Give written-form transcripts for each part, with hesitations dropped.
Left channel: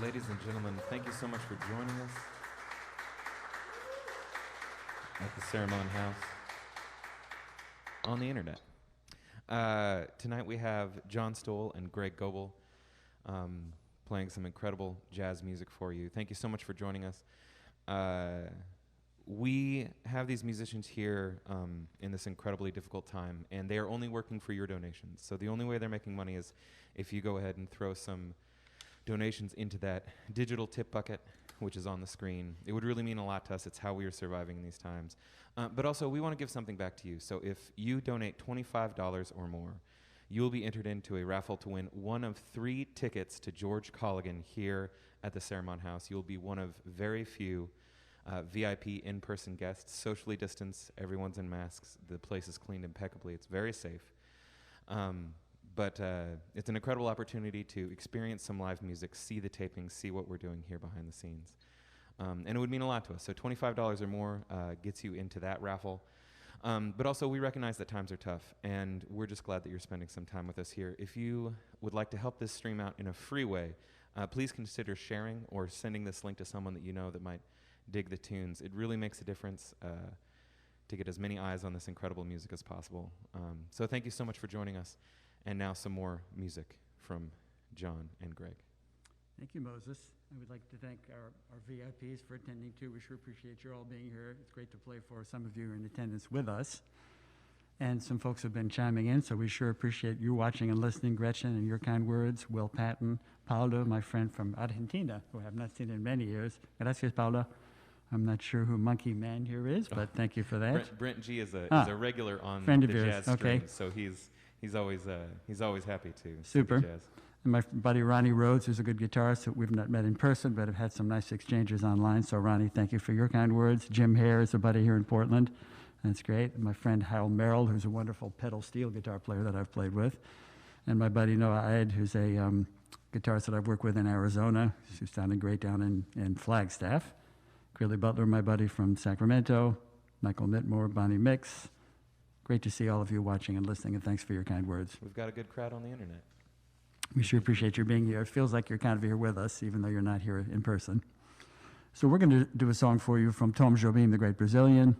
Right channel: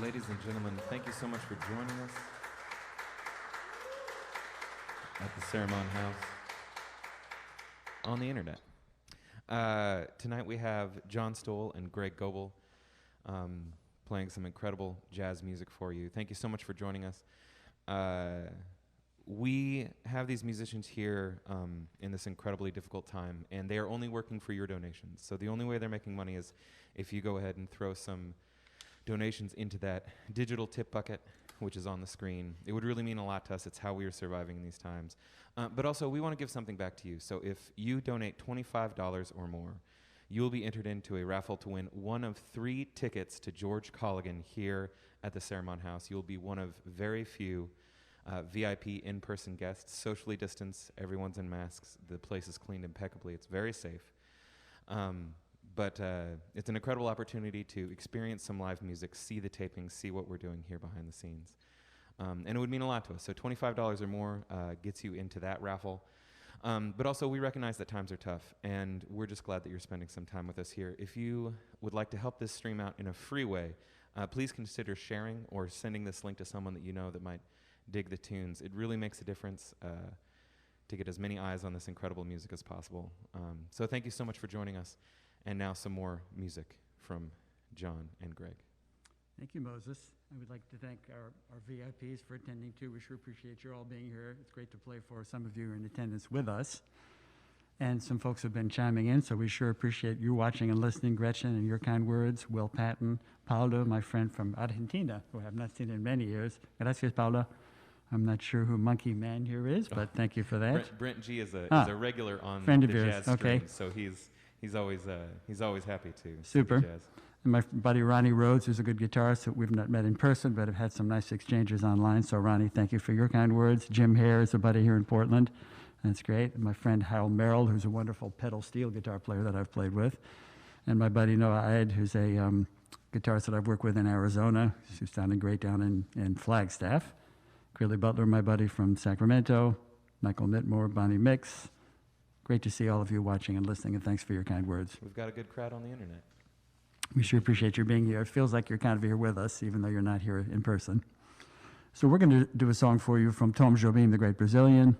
Ladies and gentlemen, thank you so much for joining us at the Cerimon House on the internet. Tonight we have John Stowell and Greg Goebel playing some incredible jazz music for you. Thank you so much for joining us. We have these musicians here in this incredibly difficult time, and they are only working for your donations. So the only way they're making money is if you go ahead and throw some donations into that digital tip bucket, which is on the screen. It would really mean a lot to us. It's how we are surviving in these times. But also, we want to give something back to you. So if you donate $25 or more, you will be entered into a raffle to win one of 3 tickets to George Colligan here at the Cerimon House. You'll be one of very few VIP in-person guests, socially distanced. Everyone's in masks. The place is cleaned impeccably. It's very safe. But it's an incredible opportunity to experience some live music, see the tapings, see what we're doing here behind the scenes. And it would mean a lot to us. So $25 or more gets you into that raffle. But also, we recognize that times are tough, and we're just glad that you're spending some time with us here. If you would like to help this stream out in a free way, please consider sharing or sending this link to someone that you know that might dig the tunes. It really makes a difference to get as many eyes on this incredible music as possible. So thank you so much for joining us. And now some more music from John and Greg. Thank you, Moses. I would like to thank our VIPs for attending, too. We sure appreciate you all being here. It's great to play for some of you in attendance with us. And some folks have been chiming in, so we sure appreciate you watching and listening, Gretchen, and your kind words. Will Patton, Paulo, my friend from Argentina, who I have not seen in many years. Gracias, Paulo. I'm not sure who Monkey Man here is, but thank you for that. Brent G is a regular on the jazz stream, so he's always happy to Super. do jazz. And my buddy Ronnie Rhodes, who's a good guitarist that we've not met in person, but have had some nice exchanges online. So Ronnie, thank you for your kind words. Jim Hare is a buddy here in Portland. That's great. And my friend Hal Merrill, who's a wonderful pedal steel guitar player that I've played with. And my buddy Noah Ed, who's a guitarist that I've worked with in Arizona, who's sounding great down in Flagstaff. Greeley Butler, my buddy from Sacramento. Michael Mittmore, Bonnie Mix. Great to see all of you watching and listening, and thanks for your kind words. We've got a good crowd on the internet. We sure appreciate your being here. It feels like you're kind of here with us, even though you're not here in person. So we're going to do a song for you from Tom Jobim, the great Brazilian.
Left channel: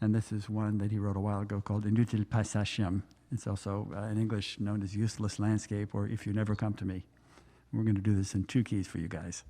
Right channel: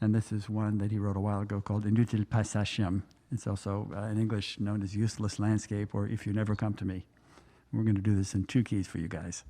And this is one that he wrote a while ago called Inútil Paisagem. It's also in English known as Useless Landscape or If You Never Come to Me. We're going to do this in 2 keys for you guys.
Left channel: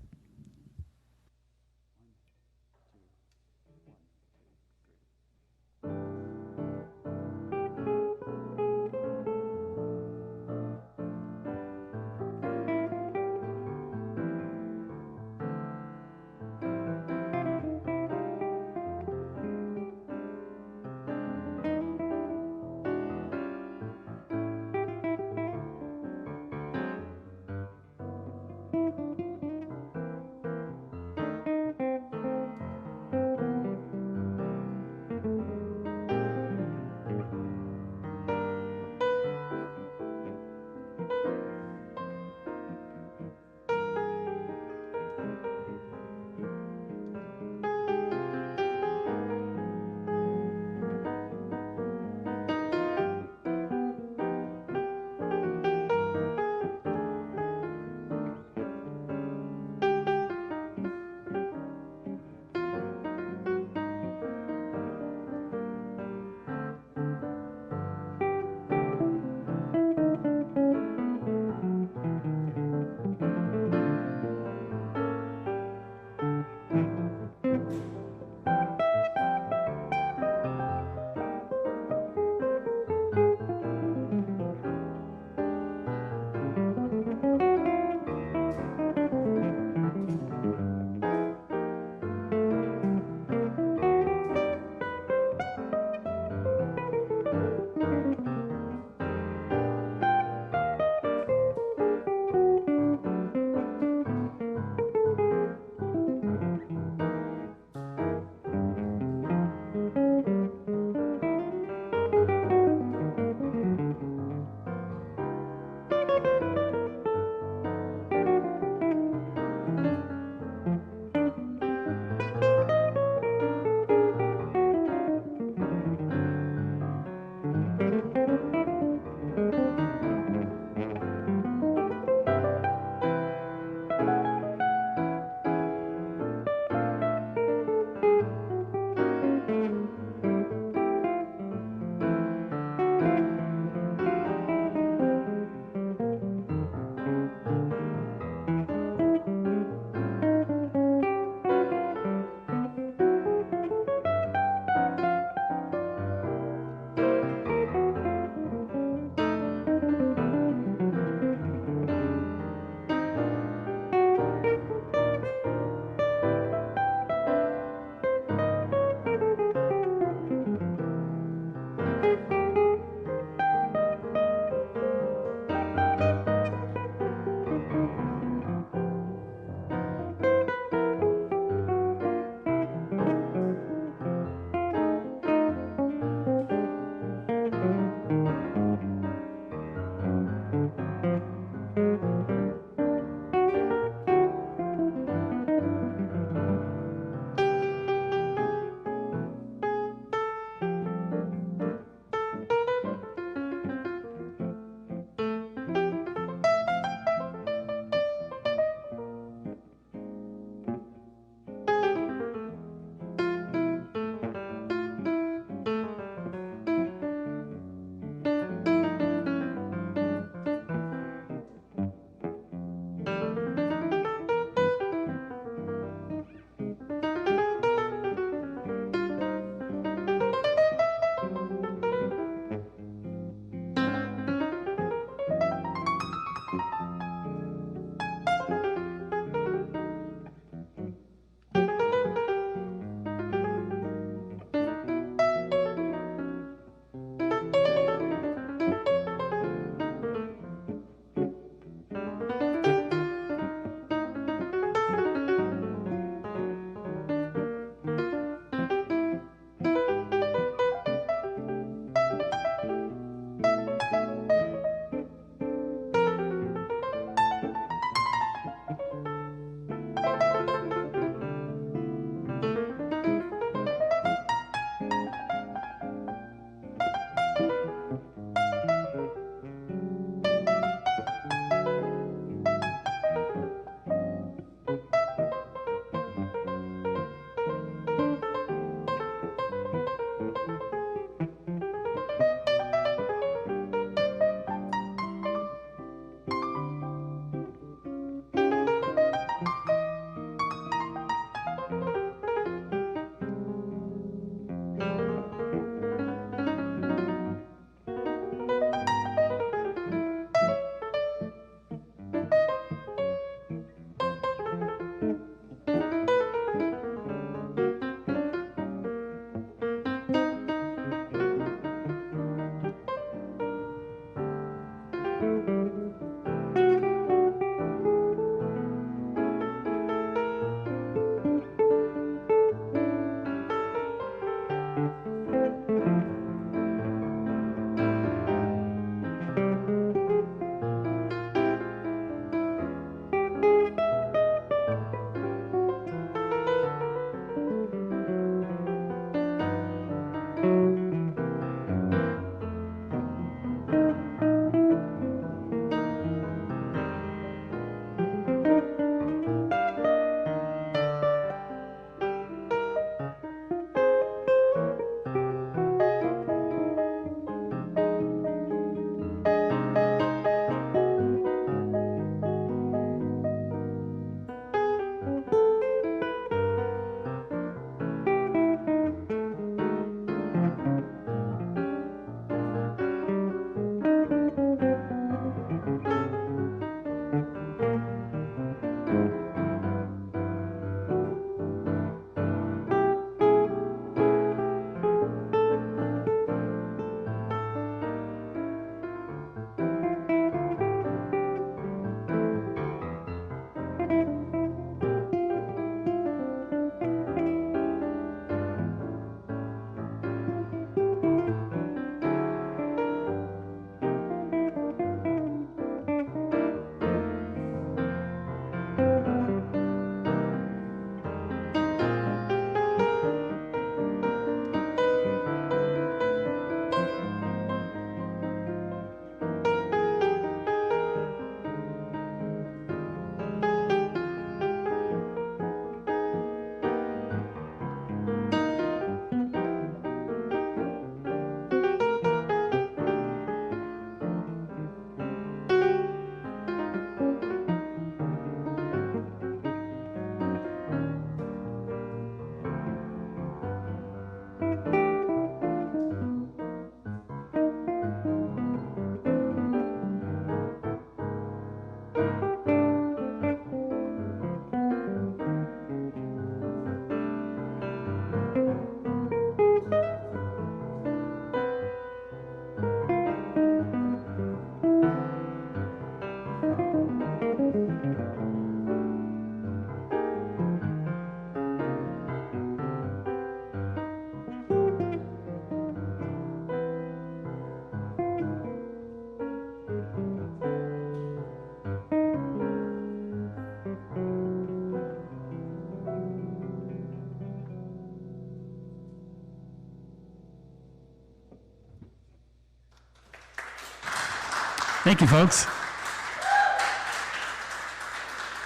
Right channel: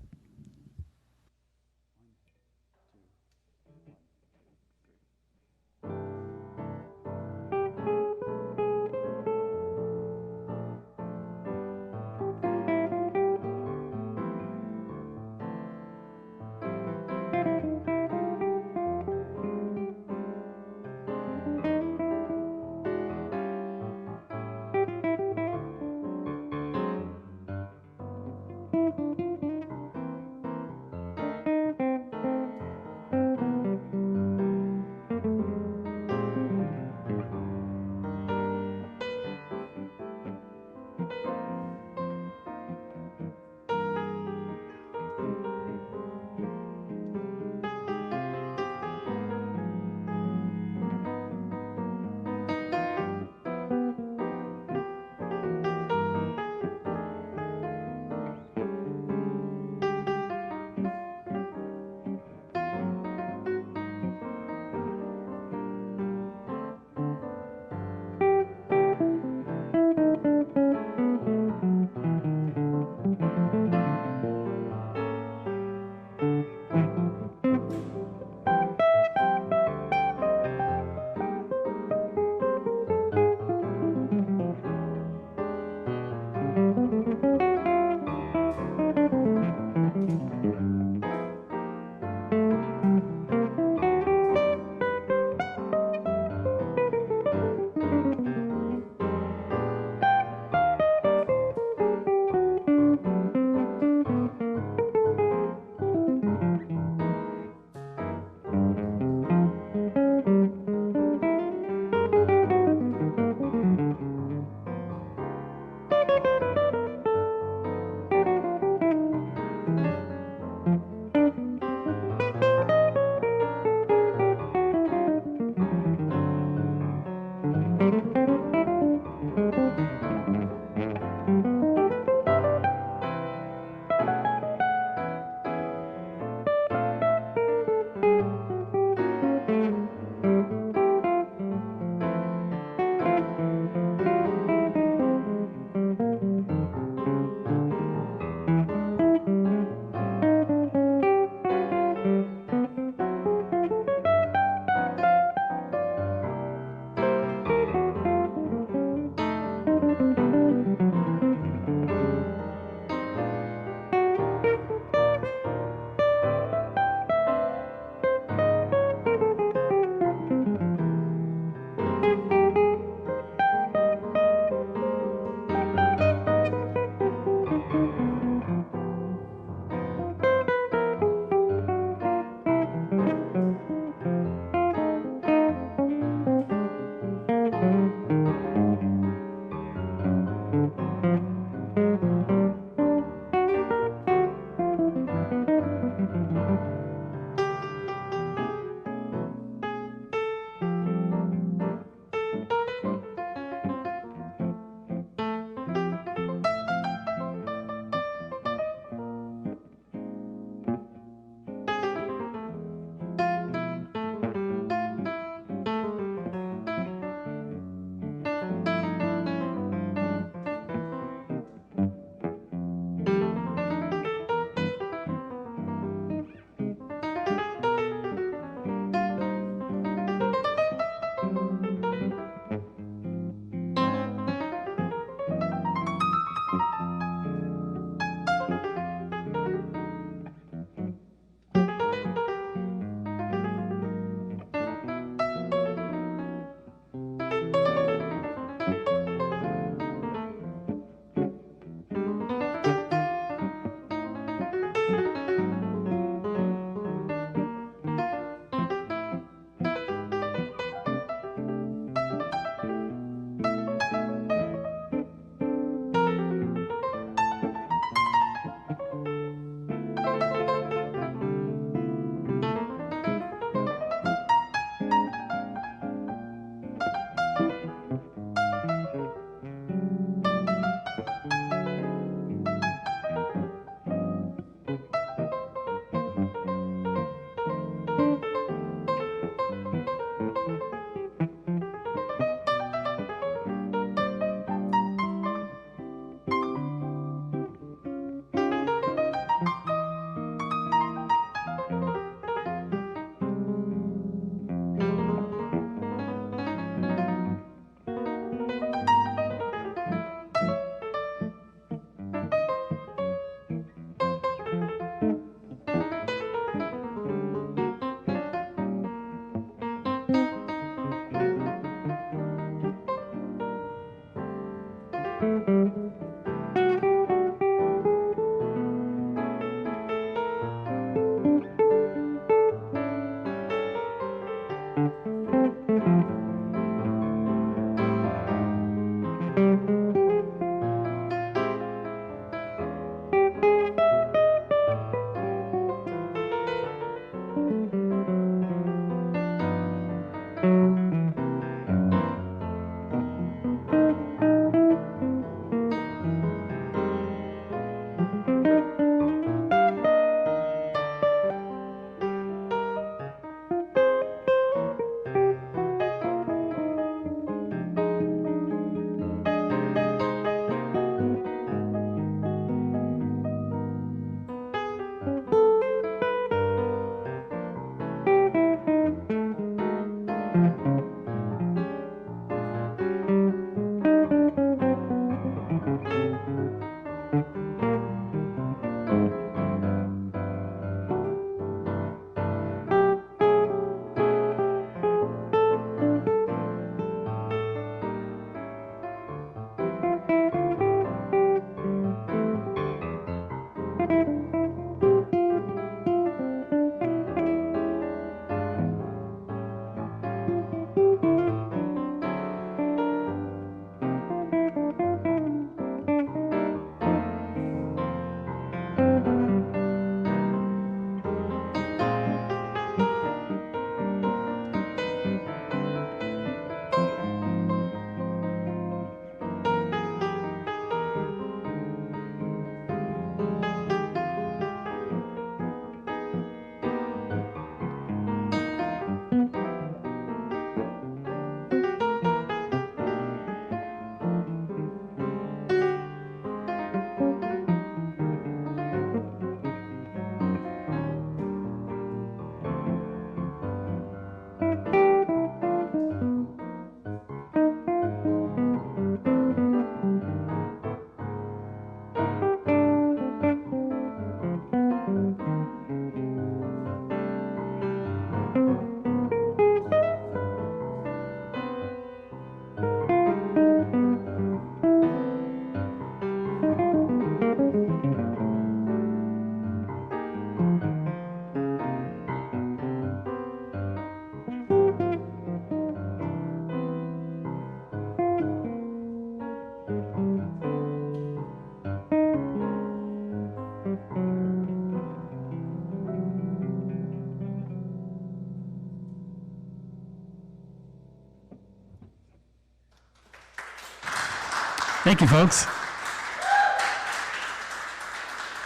Thank you, folks.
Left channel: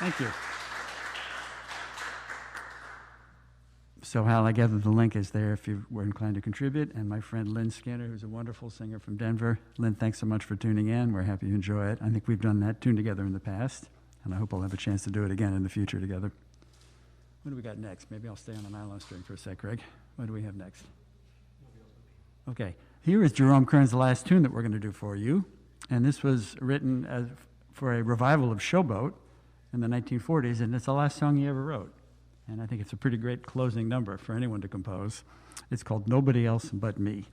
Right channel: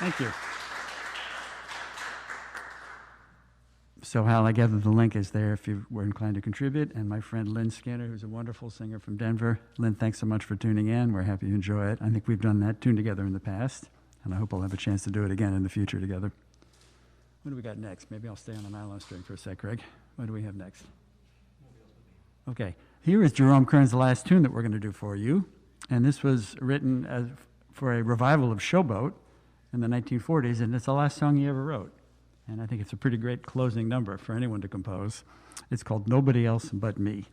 Thank you. So Hal, I gather the link is there if you were inclined to contribute. And my friend Lynn Skinner, who's a wonderful singer from Denver. Lynn, thanks so much for tuning in. We're happy you enjoy it. I think we've done that tune together in the past, and I hope we'll have a chance to do it again in the future together. What do we got next? Maybe I'll stay on the nylon string for a sec, Greg. What do we have next? Okay. Here is Jerome Kern's last tune that we're going to do for you. And this was written for a revival of Showboat in the 1940s, and it's the last song he ever wrote. And I think it's a pretty great closing number for anyone to compose. It's called Nobody Else But Me.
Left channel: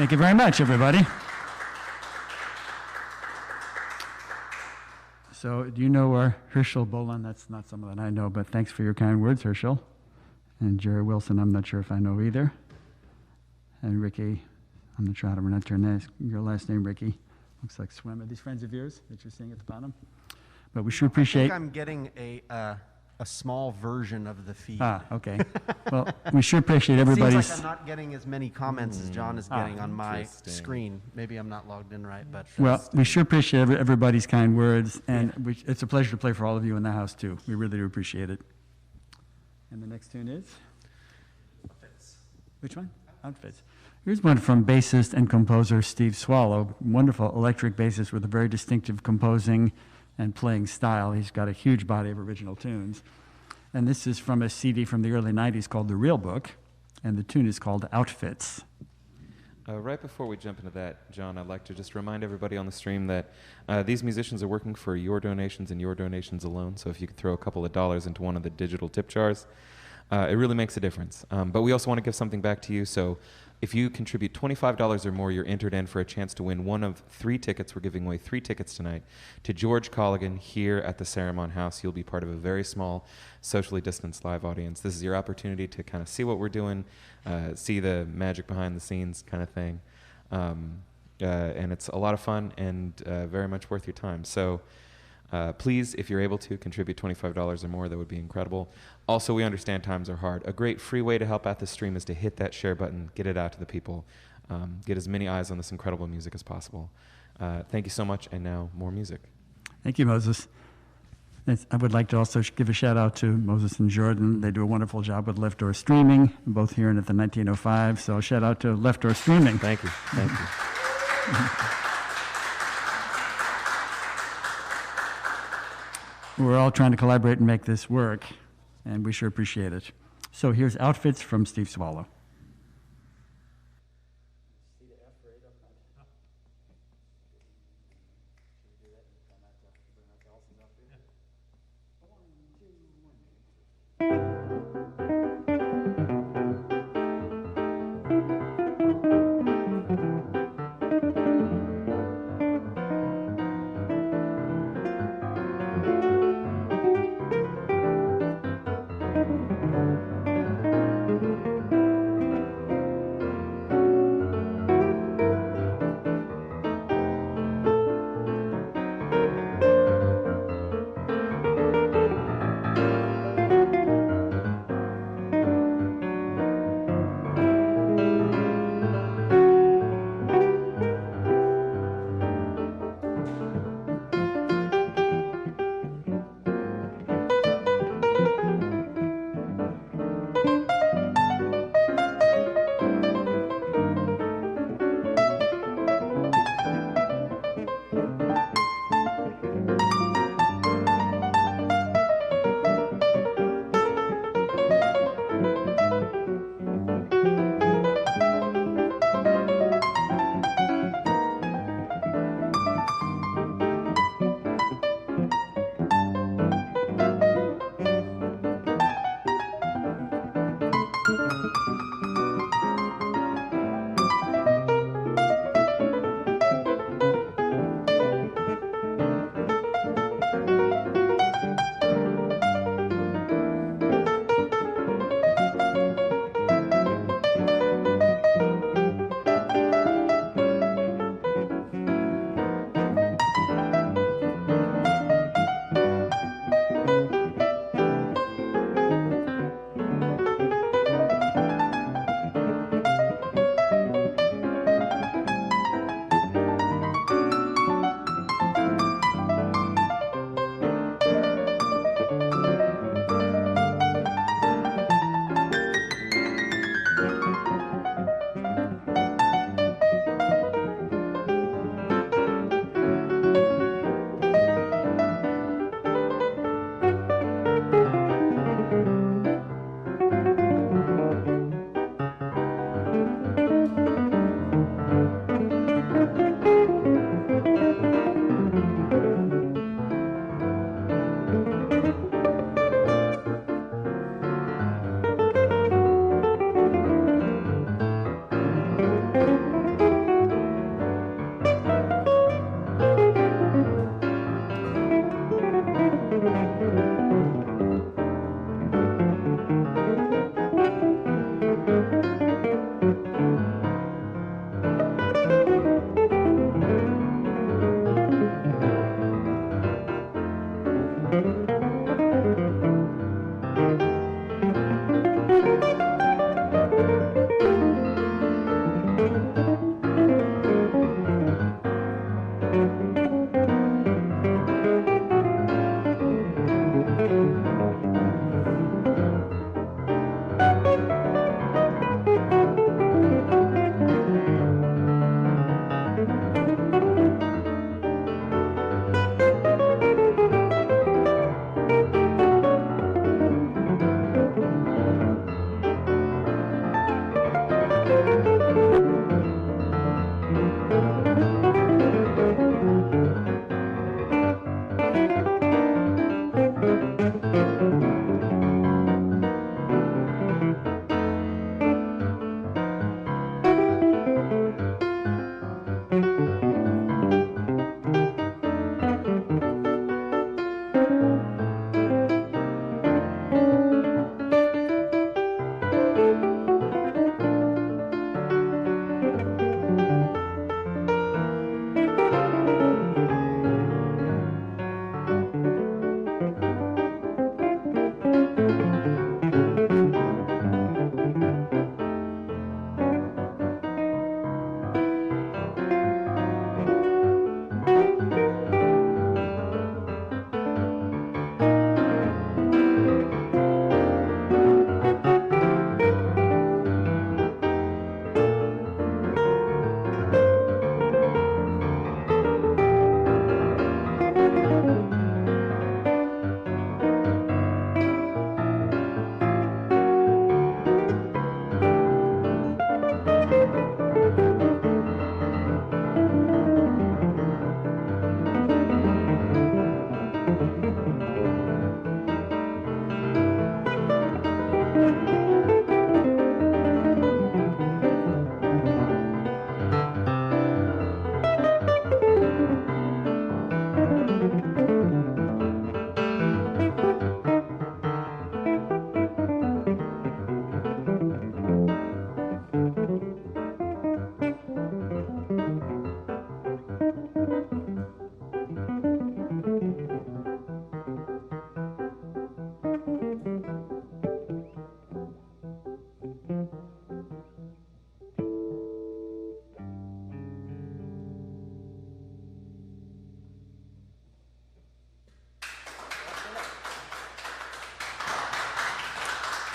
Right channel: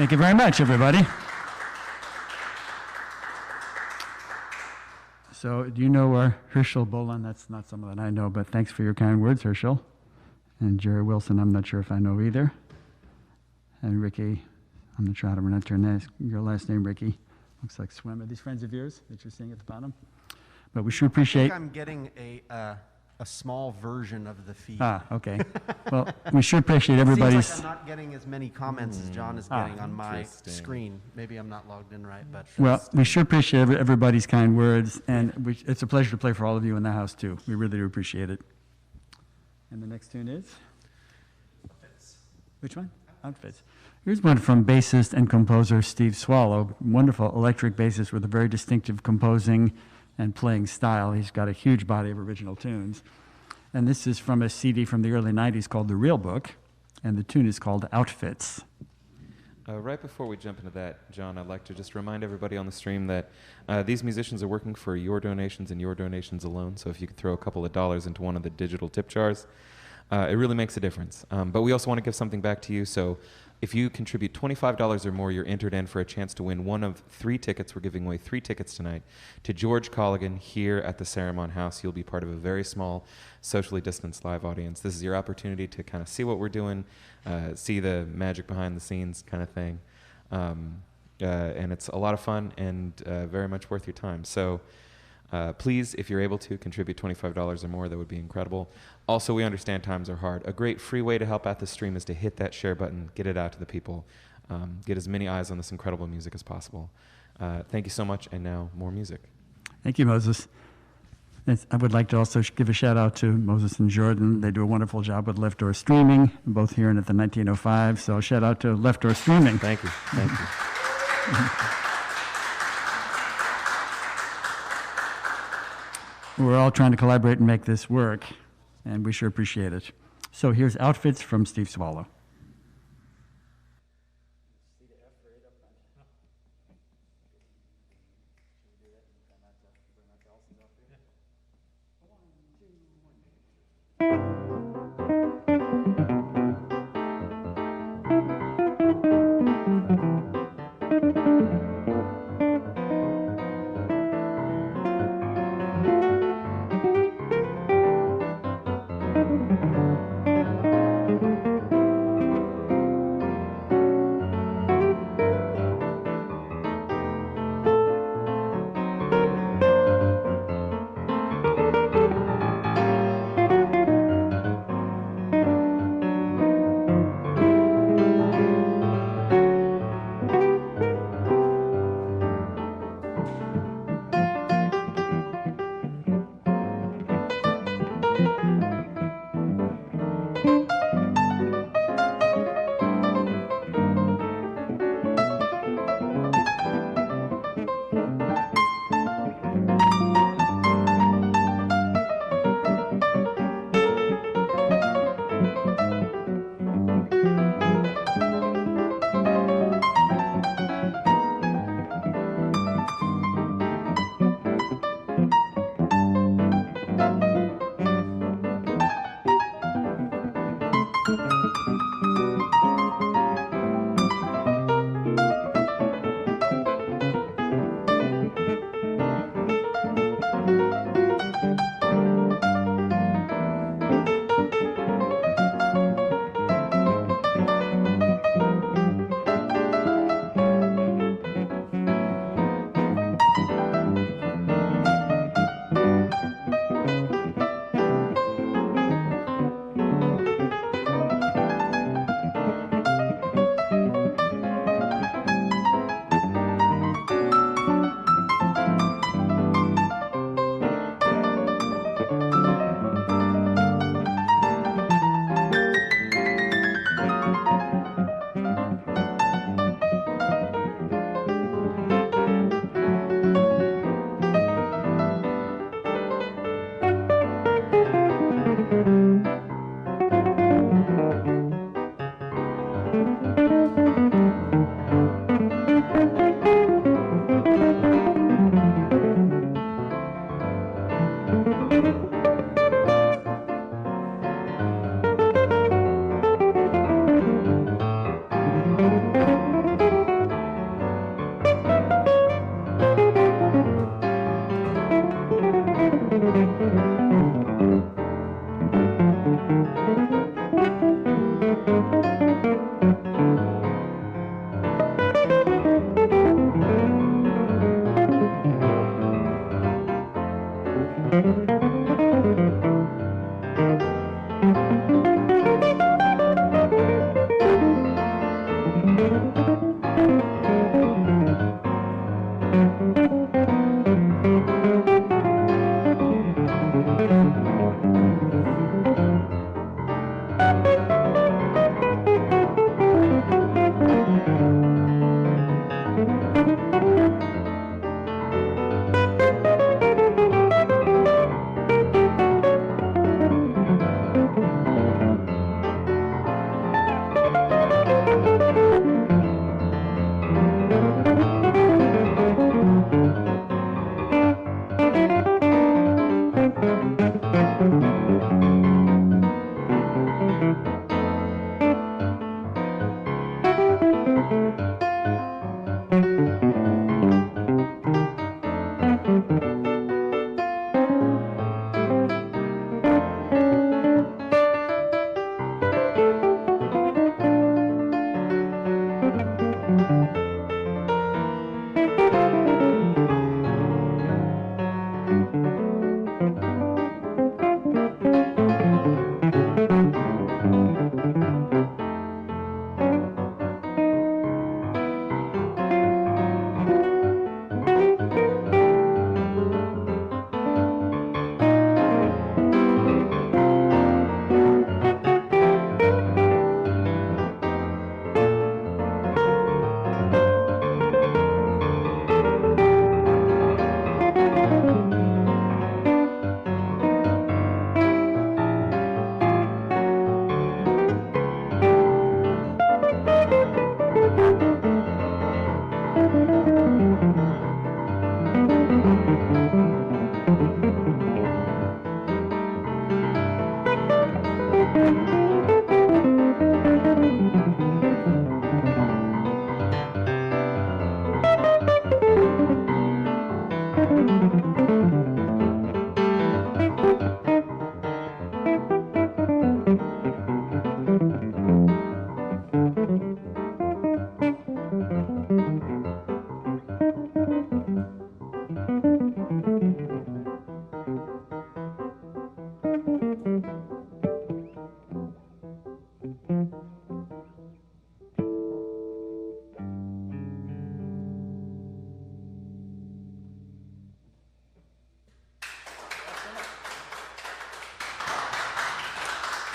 Thank you very much, everybody. So, do you know Herschel Bolan? That's not someone that I know, but thanks for your kind words, Herschel. And Jerry Wilson, I'm not sure if I know either. And Ricky, I'm not sure how to pronounce your last name, Ricky. Looks like Swim. Are these friends of yours that you're seeing at the bottom? But we sure appreciate. I think I'm getting a small version of the feed. Ah, okay. Well, we sure appreciate everybody's. Seems like I'm not getting as many comments as John is getting on my screen. Maybe I'm not logged in right, but. Well, we sure appreciate everybody's kind words, and it's a pleasure to play for all of you in the house, too. We really do appreciate it. And the next tune is? Outfits. Which one? Outfits. Here's one from bassist and composer Steve Swallow, wonderful electric bassist with a very distinctive composing and playing style. He's got a huge body of original tunes. And this is from a CD from the early 90s called The Real Book, and the tune is called Outfits. Right before we jump into that, John, I'd like to just remind everybody on the stream that these musicians are working for your donations and your donations alone. So if you could throw a couple of dollars into one of the digital tip jars, it really makes a difference. But we also want to give something back to you. So if you contribute $25 or more, you're entered in for a chance to win one of 3 tickets. We're giving away 3 tickets tonight to George Colligan here at the Cerimon House. You'll be part of a very small, socially distanced live audience. This is your opportunity to kind of see what we're doing, see the magic behind the scenes kind of thing. And it's a lot of fun and very much worth your time. So please, if you're able to, contribute $25 or more. That would be incredible. Also, we understand times are hard. A great free way to help out the stream is to hit that share button, get it out to the people, get as many eyes on this incredible music as possible. Thank you so much, and now more music. Thank you, Moses. I would like to also give a shout out to Moses and Jordan. They do a wonderful job with Left Door Streaming, both here and at the 1905. So shout out to Left Door Streaming. Thank you. Thank you. We're all trying to collaborate and make this work, and we sure appreciate it. So here's Outfits from Steve Swallow.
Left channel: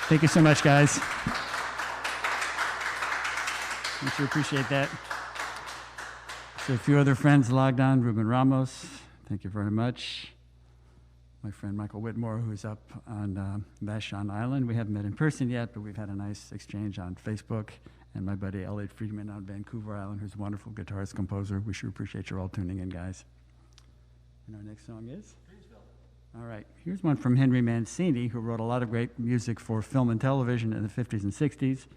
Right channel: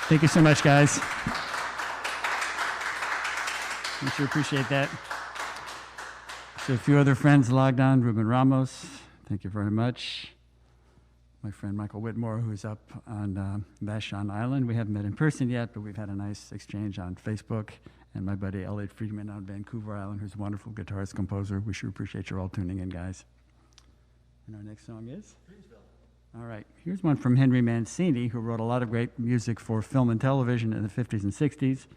Thank you so much, guys. I sure appreciate that. So a few other friends logged on. Ruben Ramos, thank you very much. My friend Michael Whitmore, who's up on Vashon Island. We haven't met in person yet, but we've had a nice exchange on Facebook. And my buddy Elliot Friedman on Vancouver Island, who's a wonderful guitarist, composer. We sure appreciate you all tuning in, guys. And our next song is? All right, here's one from Henry Mancini, who wrote a lot of great music for film and television in the 50s and 60s.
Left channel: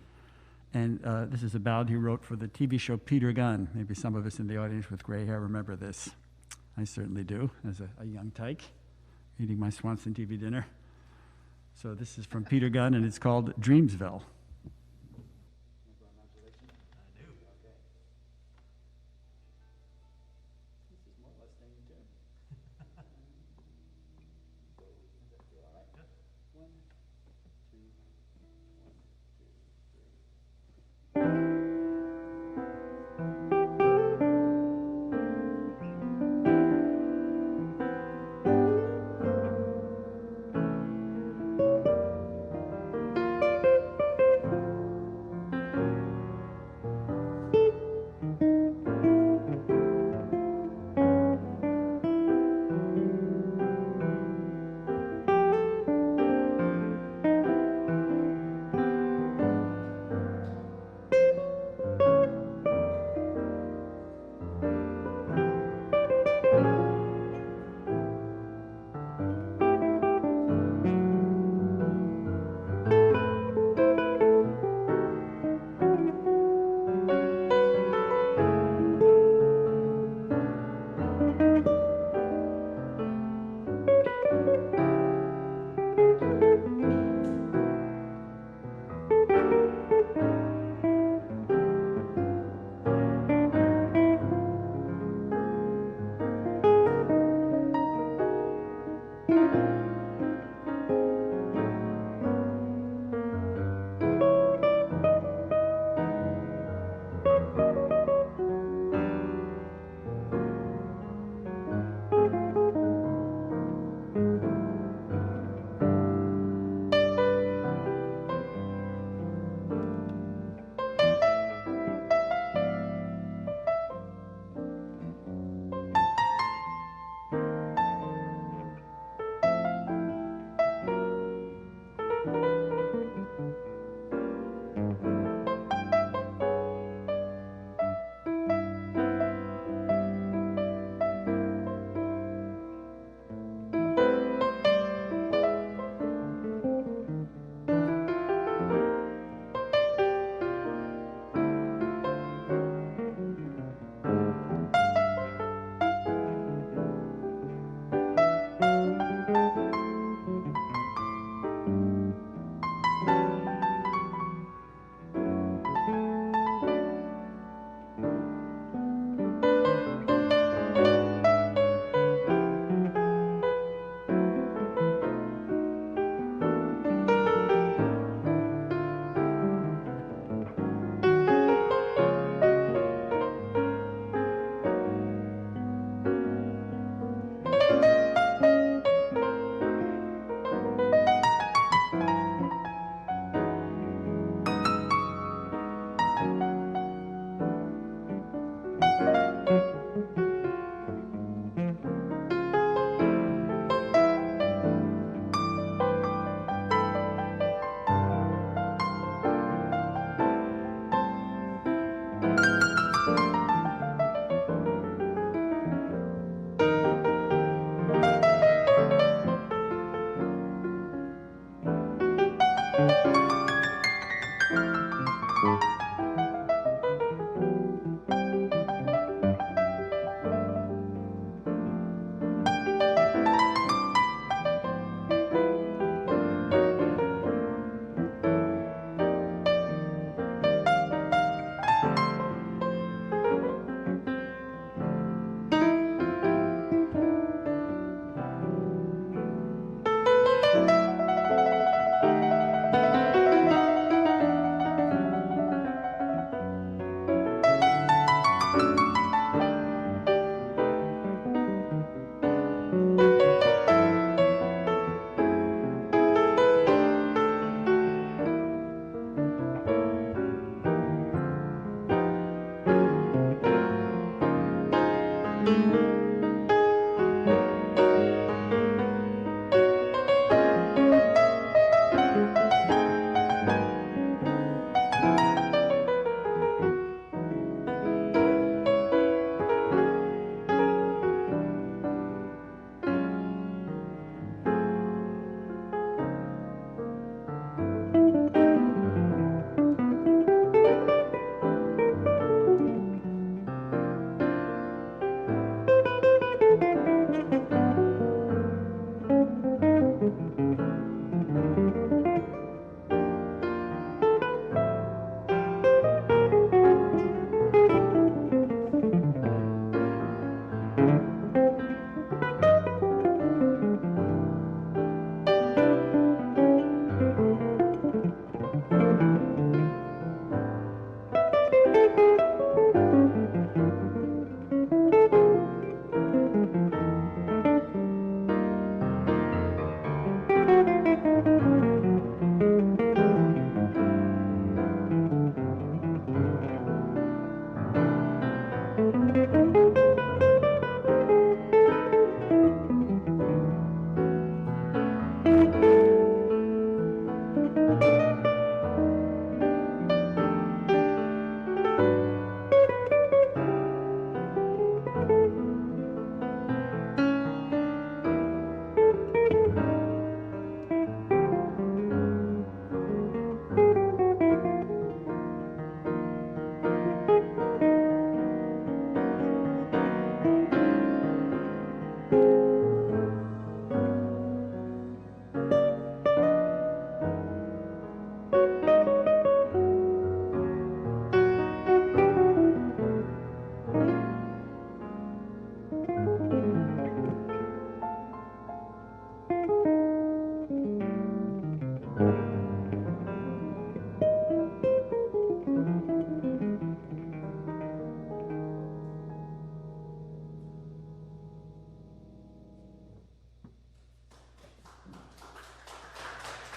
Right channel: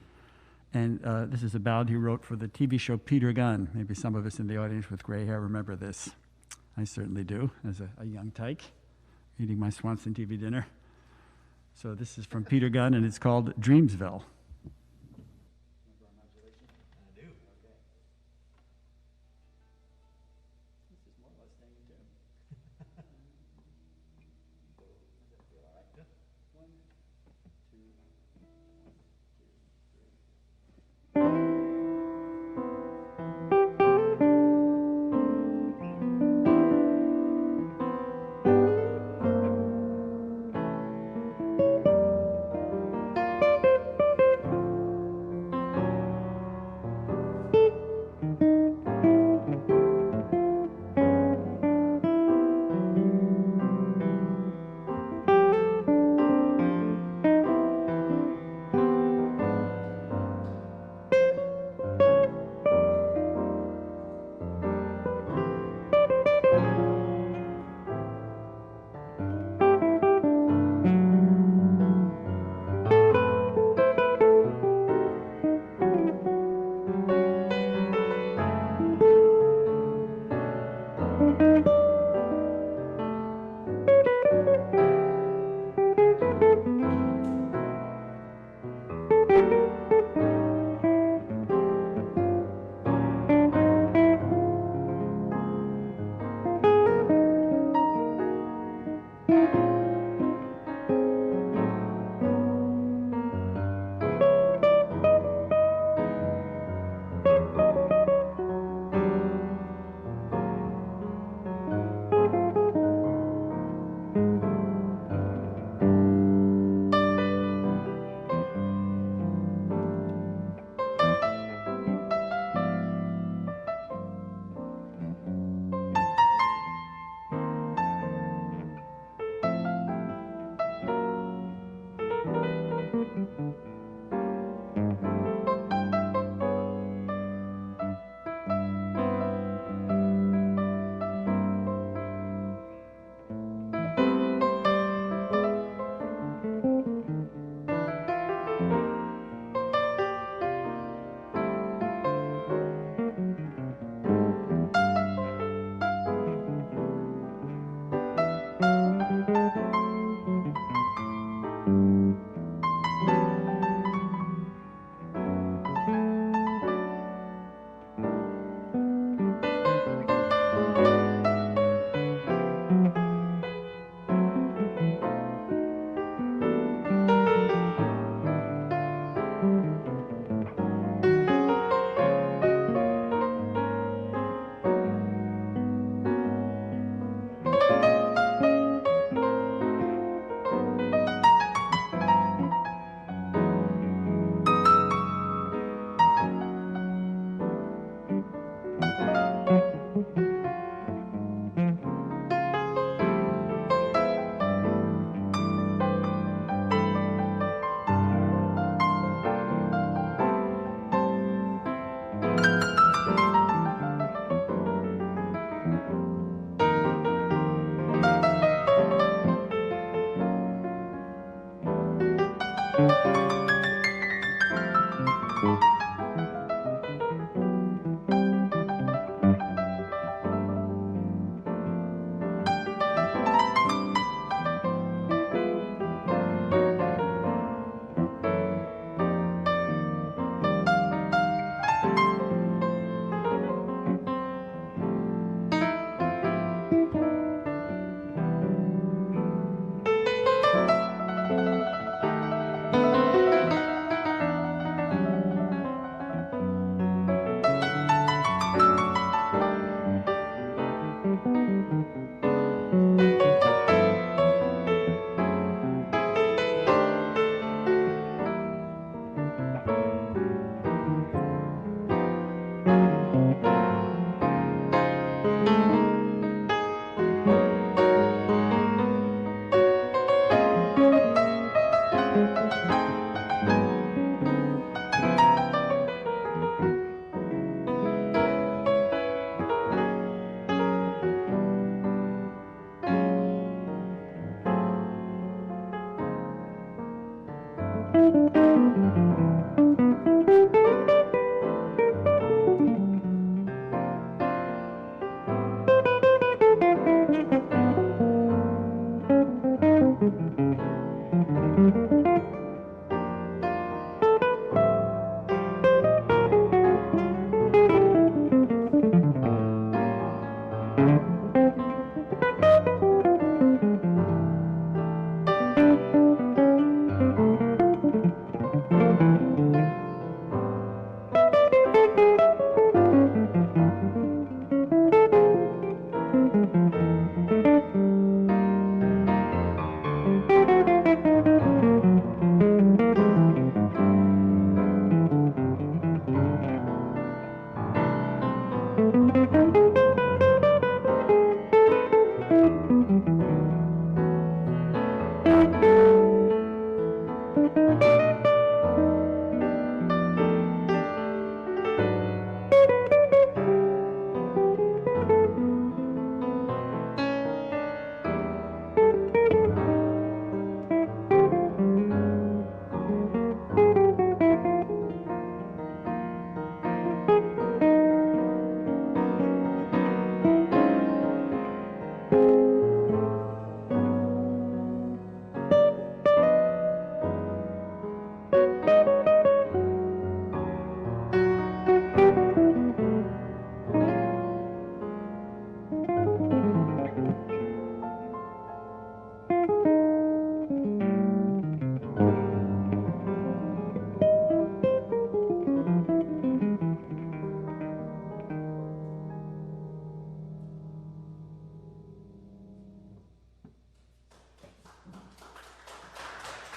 And this is a ballad he wrote for the TV show Peter Gunn. Maybe some of us in the audience with gray hair remember this. I certainly do, as a young tyke, eating my Swanson TV dinner. So this is from Peter Gunn, and it's called Dreamsville.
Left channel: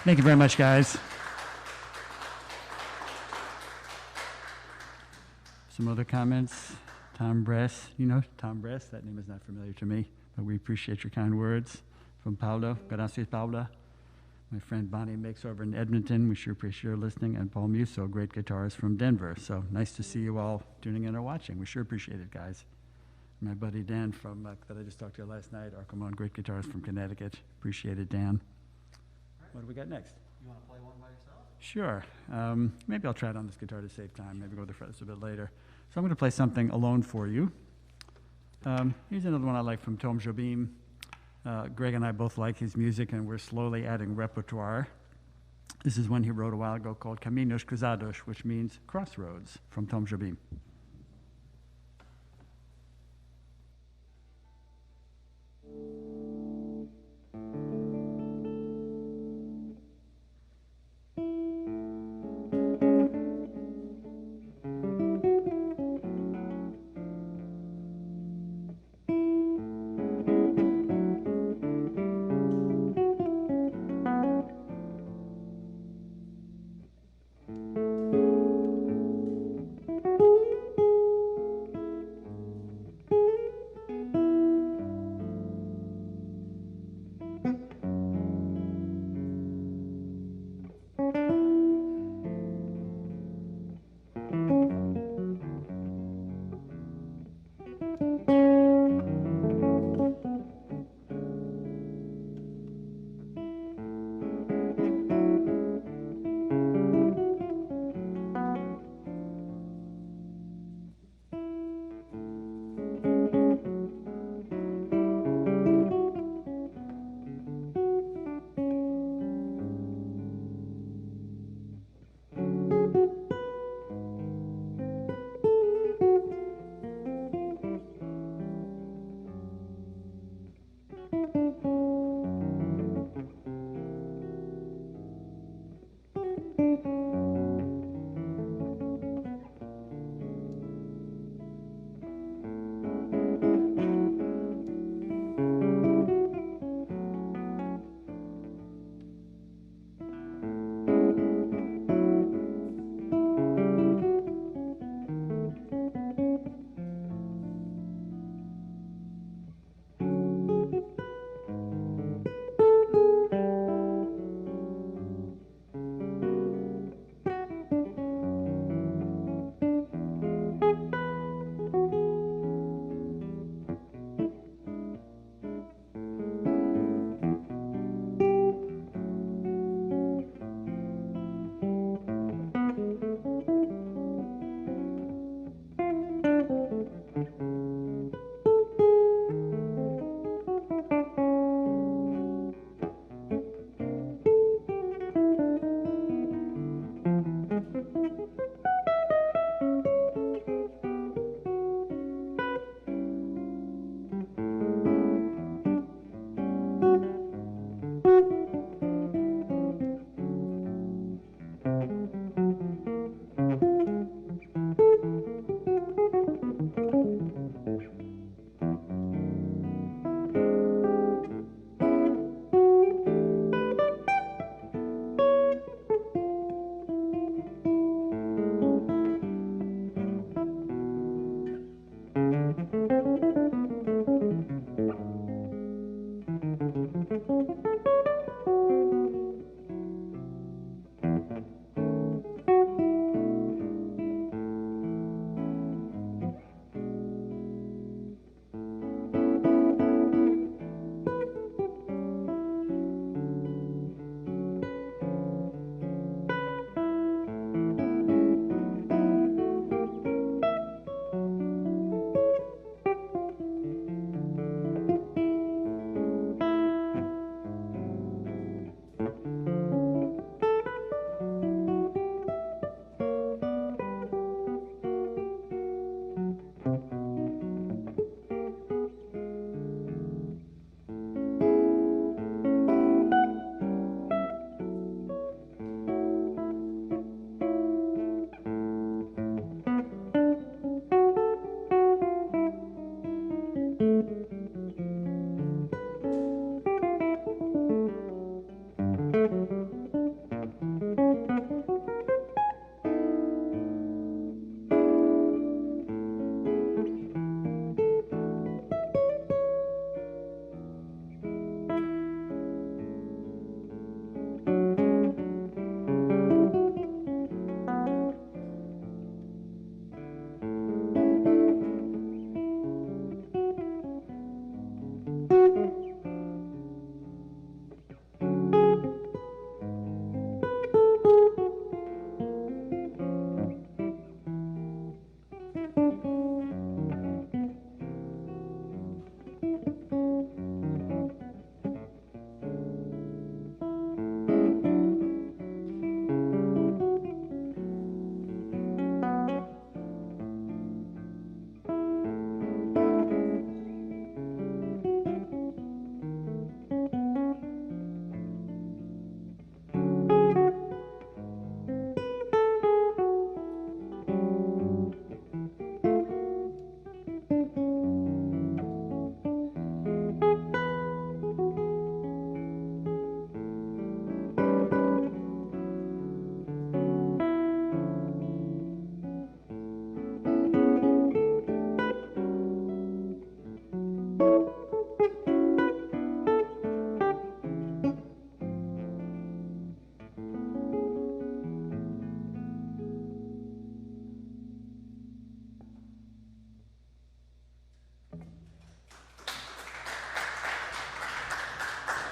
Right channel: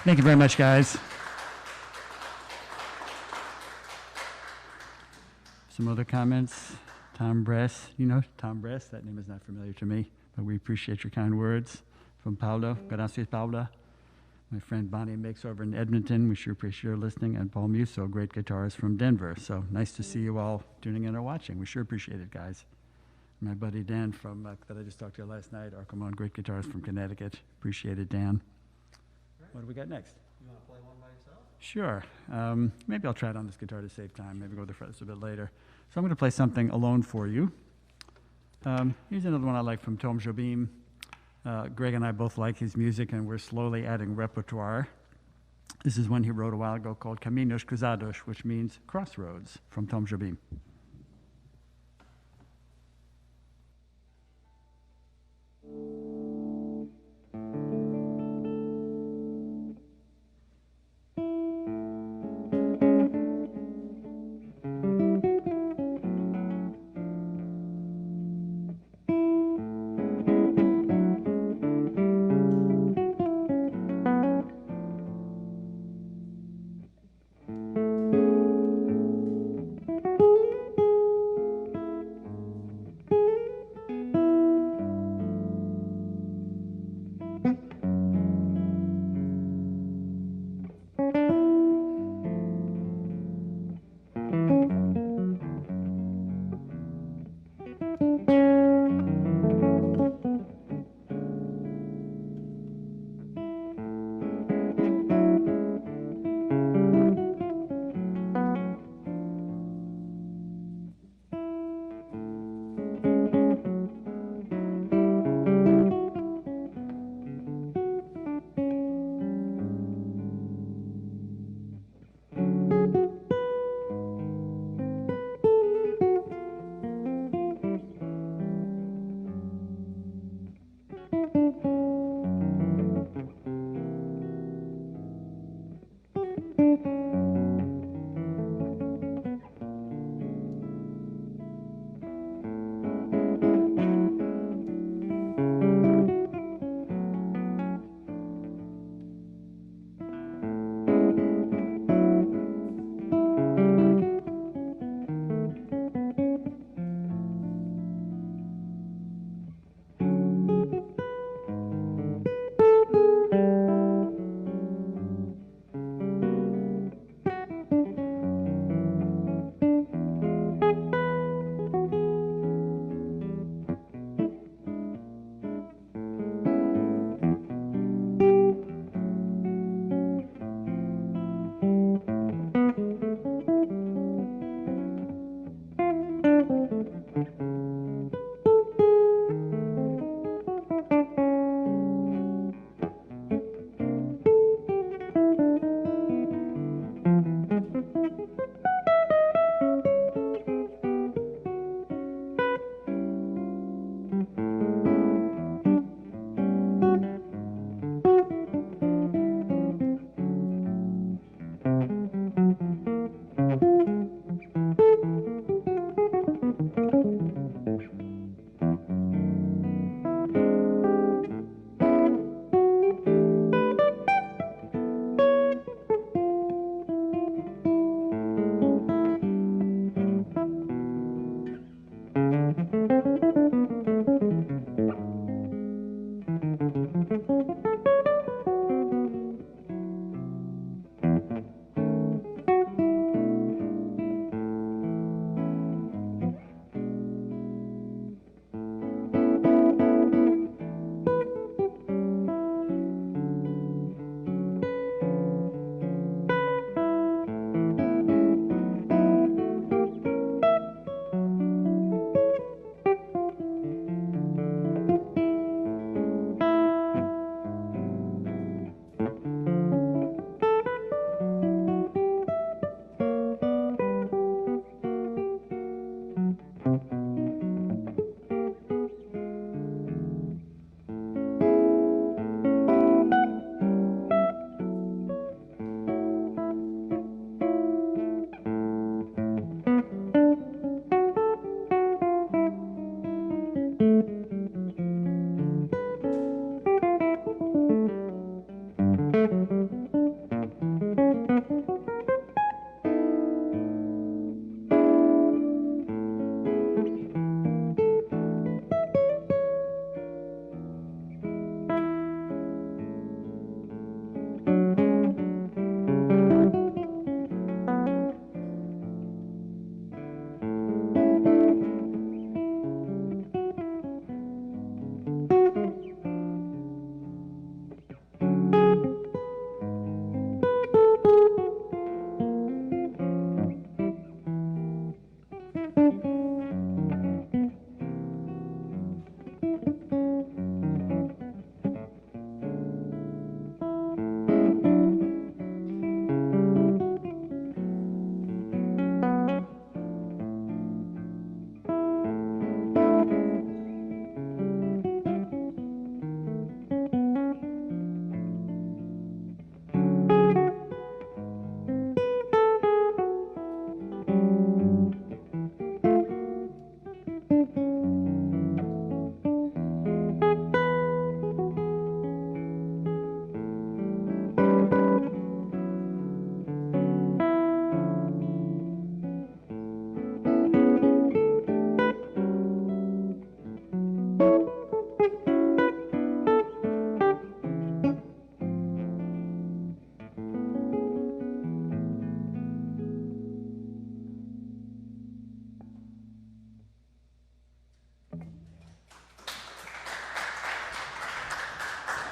Thank you very much, guys. Some other comments? Tom Bress, you know Tom Bress? That name is not familiar to me, but we appreciate your kind words. From Paulo, gracias, Paula. My friend Bonnie Makes over in Edmonton, we sure appreciate your listening. And Paul Musso, great guitarist from Denver. So nice to see you all tuning in or watching. We sure appreciate it, guys. My buddy Dan from that I just talked to last night, Arcamon, great guitarist from Connecticut. Appreciate it, Dan. What do we got next? You want to play one by yourself? Sure. Maybe I'll try it on this guitar to save time. Maybe go to the frets a bit later. So I'm going to play something alone for you. Here's another one I like from Tom Jobim. Greg and I both like his music, and we're slowly adding repertoire. This is one he wrote a while ago called Caminos Cruzados, which means crossroads, from Tom Jobim.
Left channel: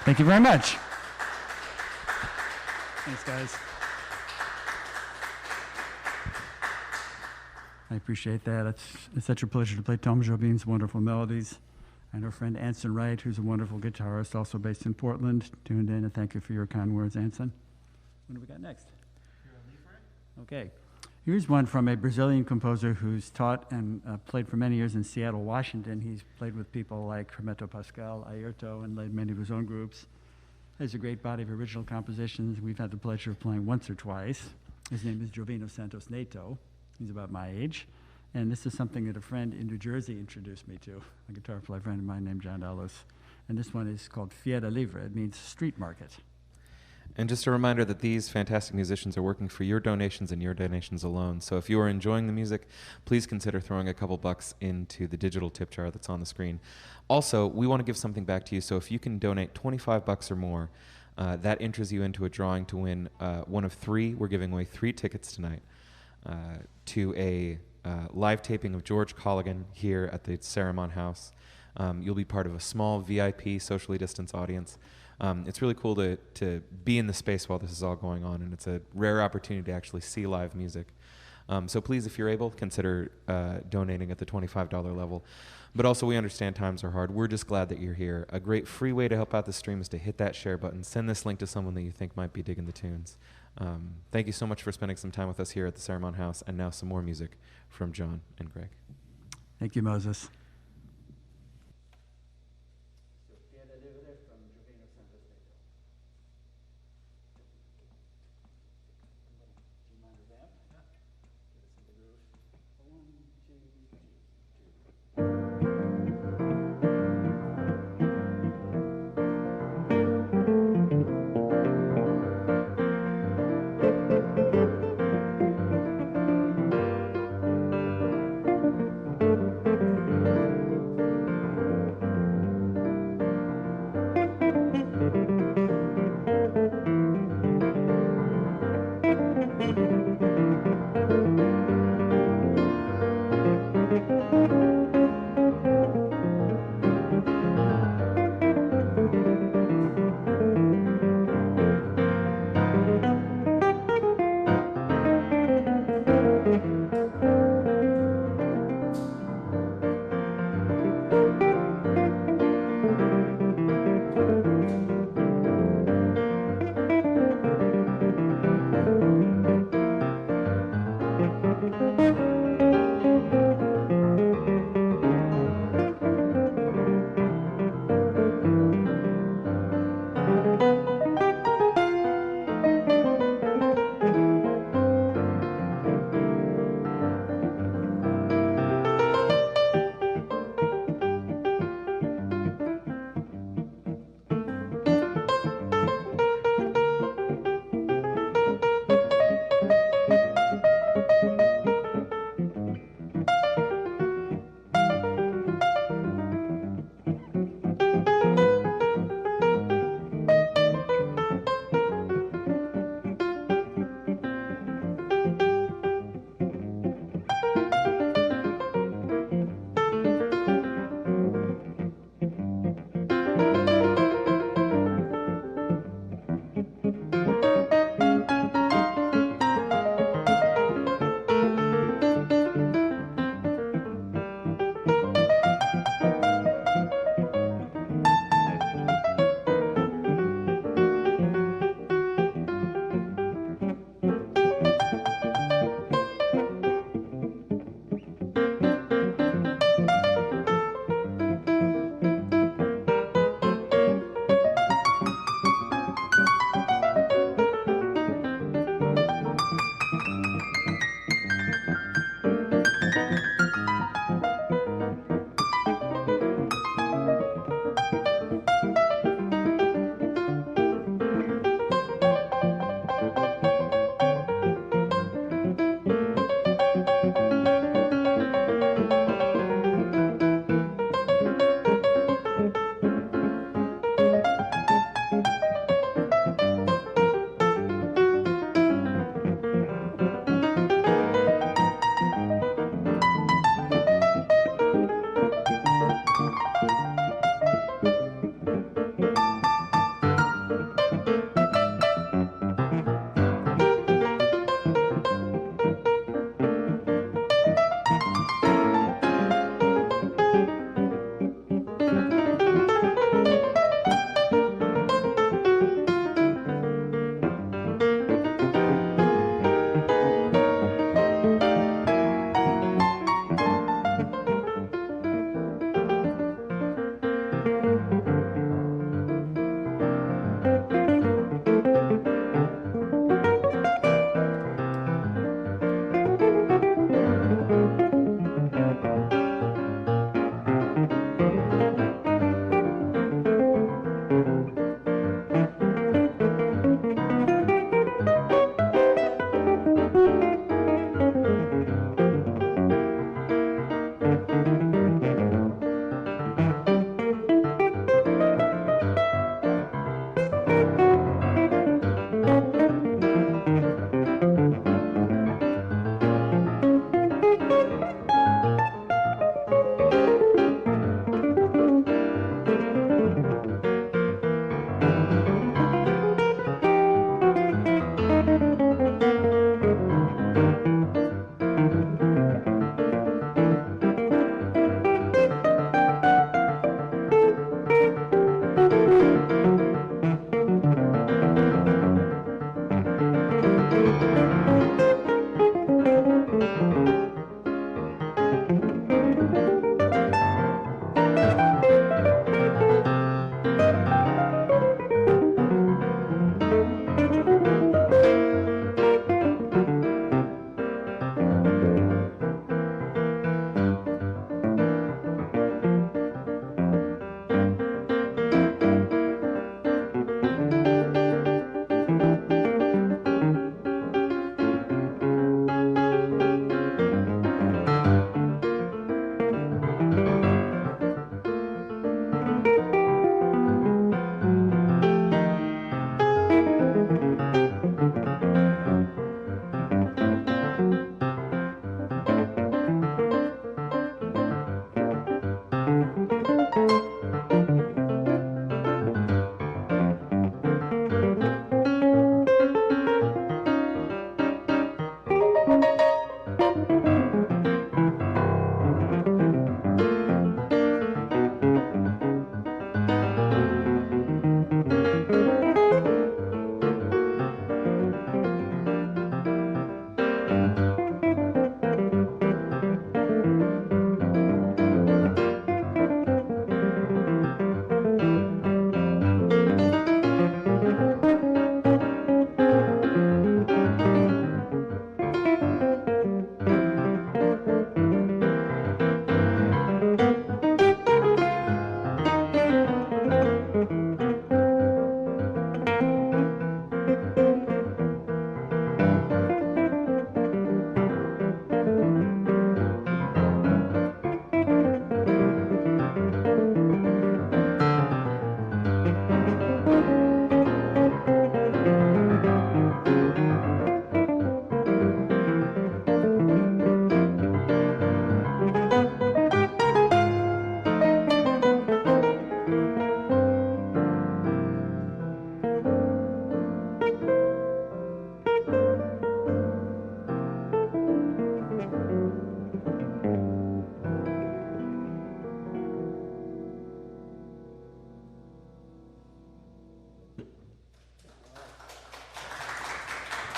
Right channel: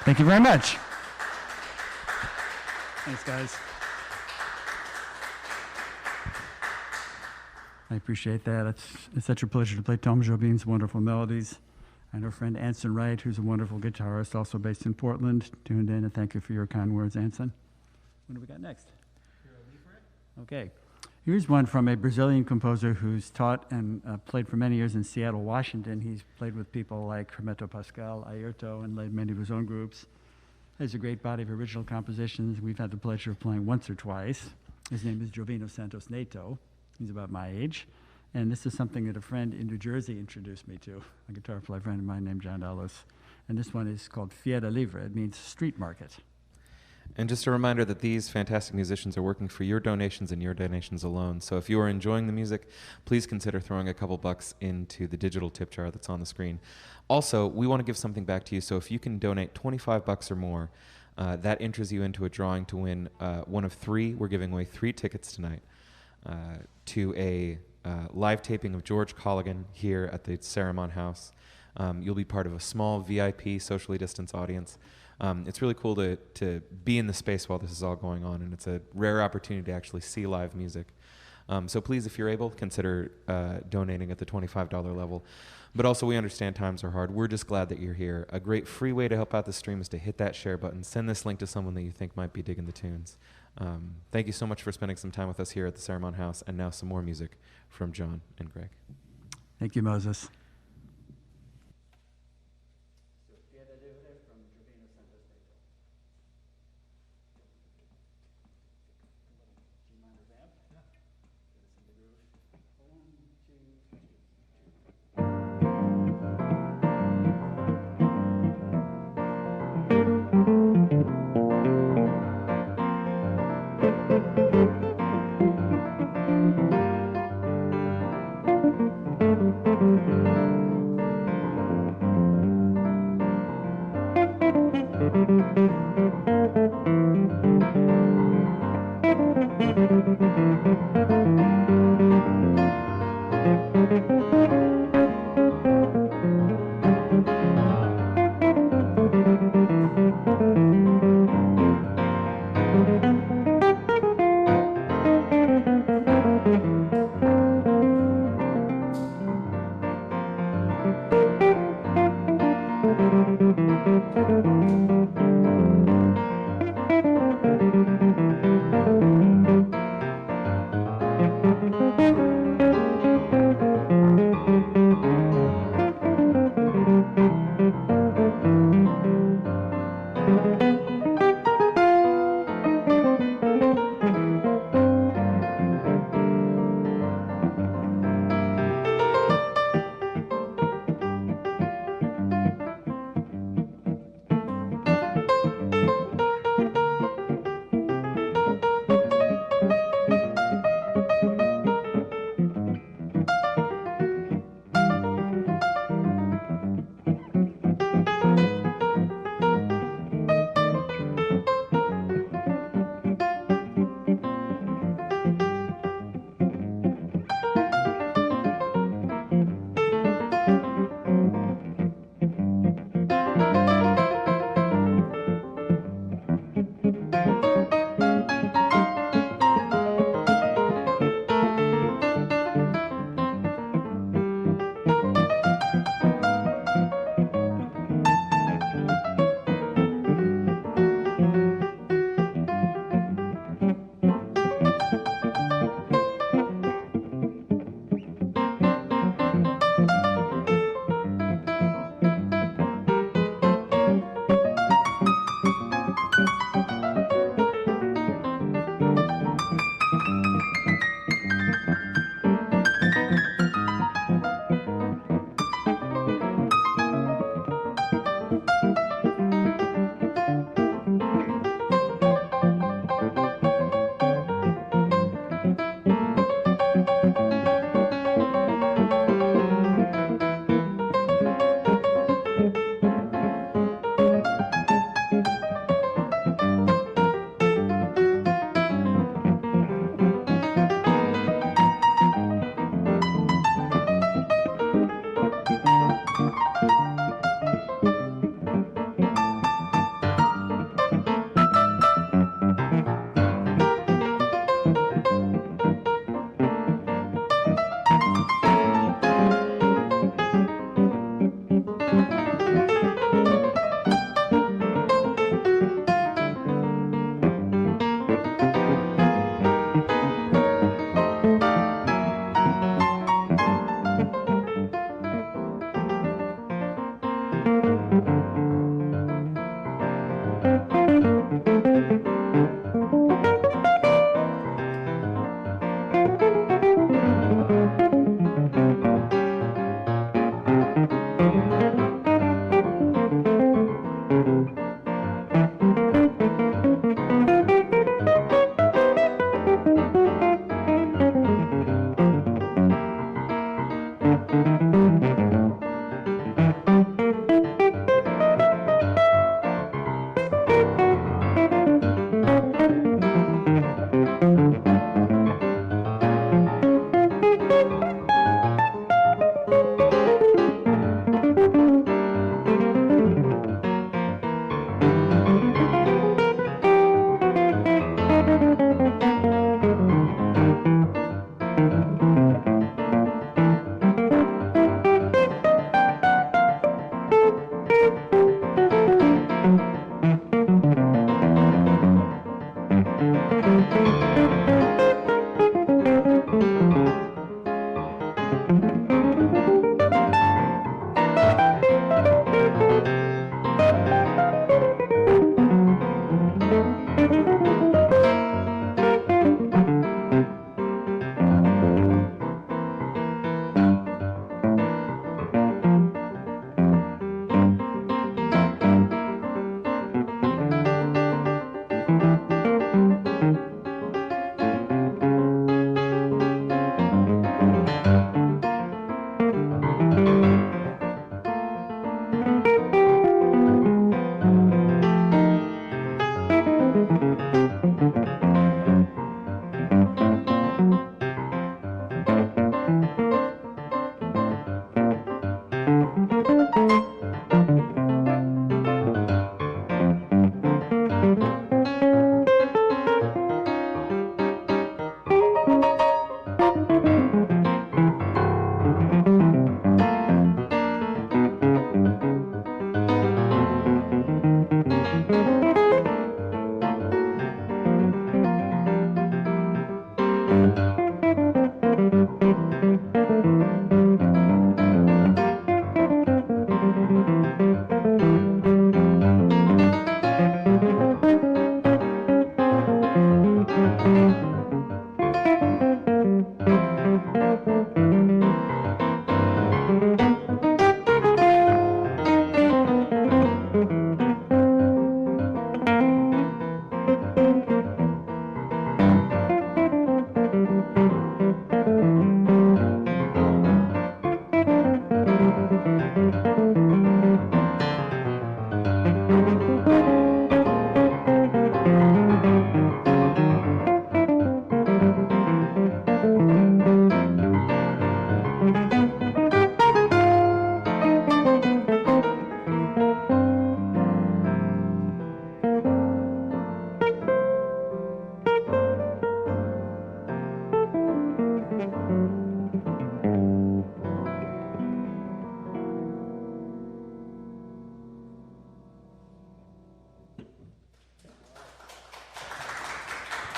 Thank you very much. Thanks, guys. I appreciate that. It's such a pleasure to play Tom Jobim's wonderful melodies. And our friend Anson Wright, who's a wonderful guitarist, also based in Portland, tuned in, and thank you for your kind words, Anson. What do we got next? Okay. Here's one from a Brazilian composer who's taught and played for many years in Seattle, Washington. He's played with people like Hermeto Pascal, Ayrton, and led many of his own groups. Has a great body of original compositions we've had the pleasure of playing once or twice. His name is Jovino Santos Neto. He's about my age. And this is something that a friend in New Jersey introduced me to, a guitar player friend of mine named John Ellis. And this one is called Feira Livre. It means street market. And just a reminder that these fantastic musicians are working for your donations and your donations alone. So if you are enjoying the music, please consider throwing a couple bucks into the digital tip jar that's on the screen. Also, we want to give something back to you, so if you can donate 25 bucks or more, that enters you into a drawing to win one of three. We're giving away 3 tickets tonight to a live taping of George Colligan here at the Cerimon House. You'll be part of a small VIP socially distanced audience. It's really cool to be in the space while this is all going on, and it's a rare opportunity to actually see live music. So please, if you're able, consider donating at the $25 level. But also, we understand times are hard. We're just glad that you're here. A great free way to help out the stream is to hit that share button. Send this link to someone that you think might be digging the tunes. Thank you so much for spending some time with us here at the Cerimon House. And now some more music from John and Greg. Thank you, Moses. Thank you.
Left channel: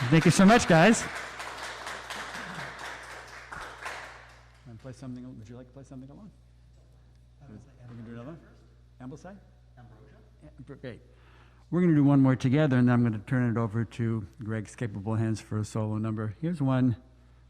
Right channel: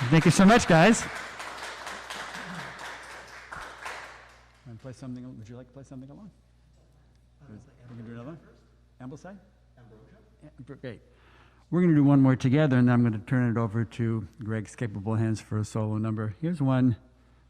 Thank you so much, guys. Want to play something? Would you like to play something along? We're going to do another one? Ambleside? Ambrosia. Great. We're going to do one more together, and then I'm going to turn it over to Greg's capable hands for a solo number. Here's one.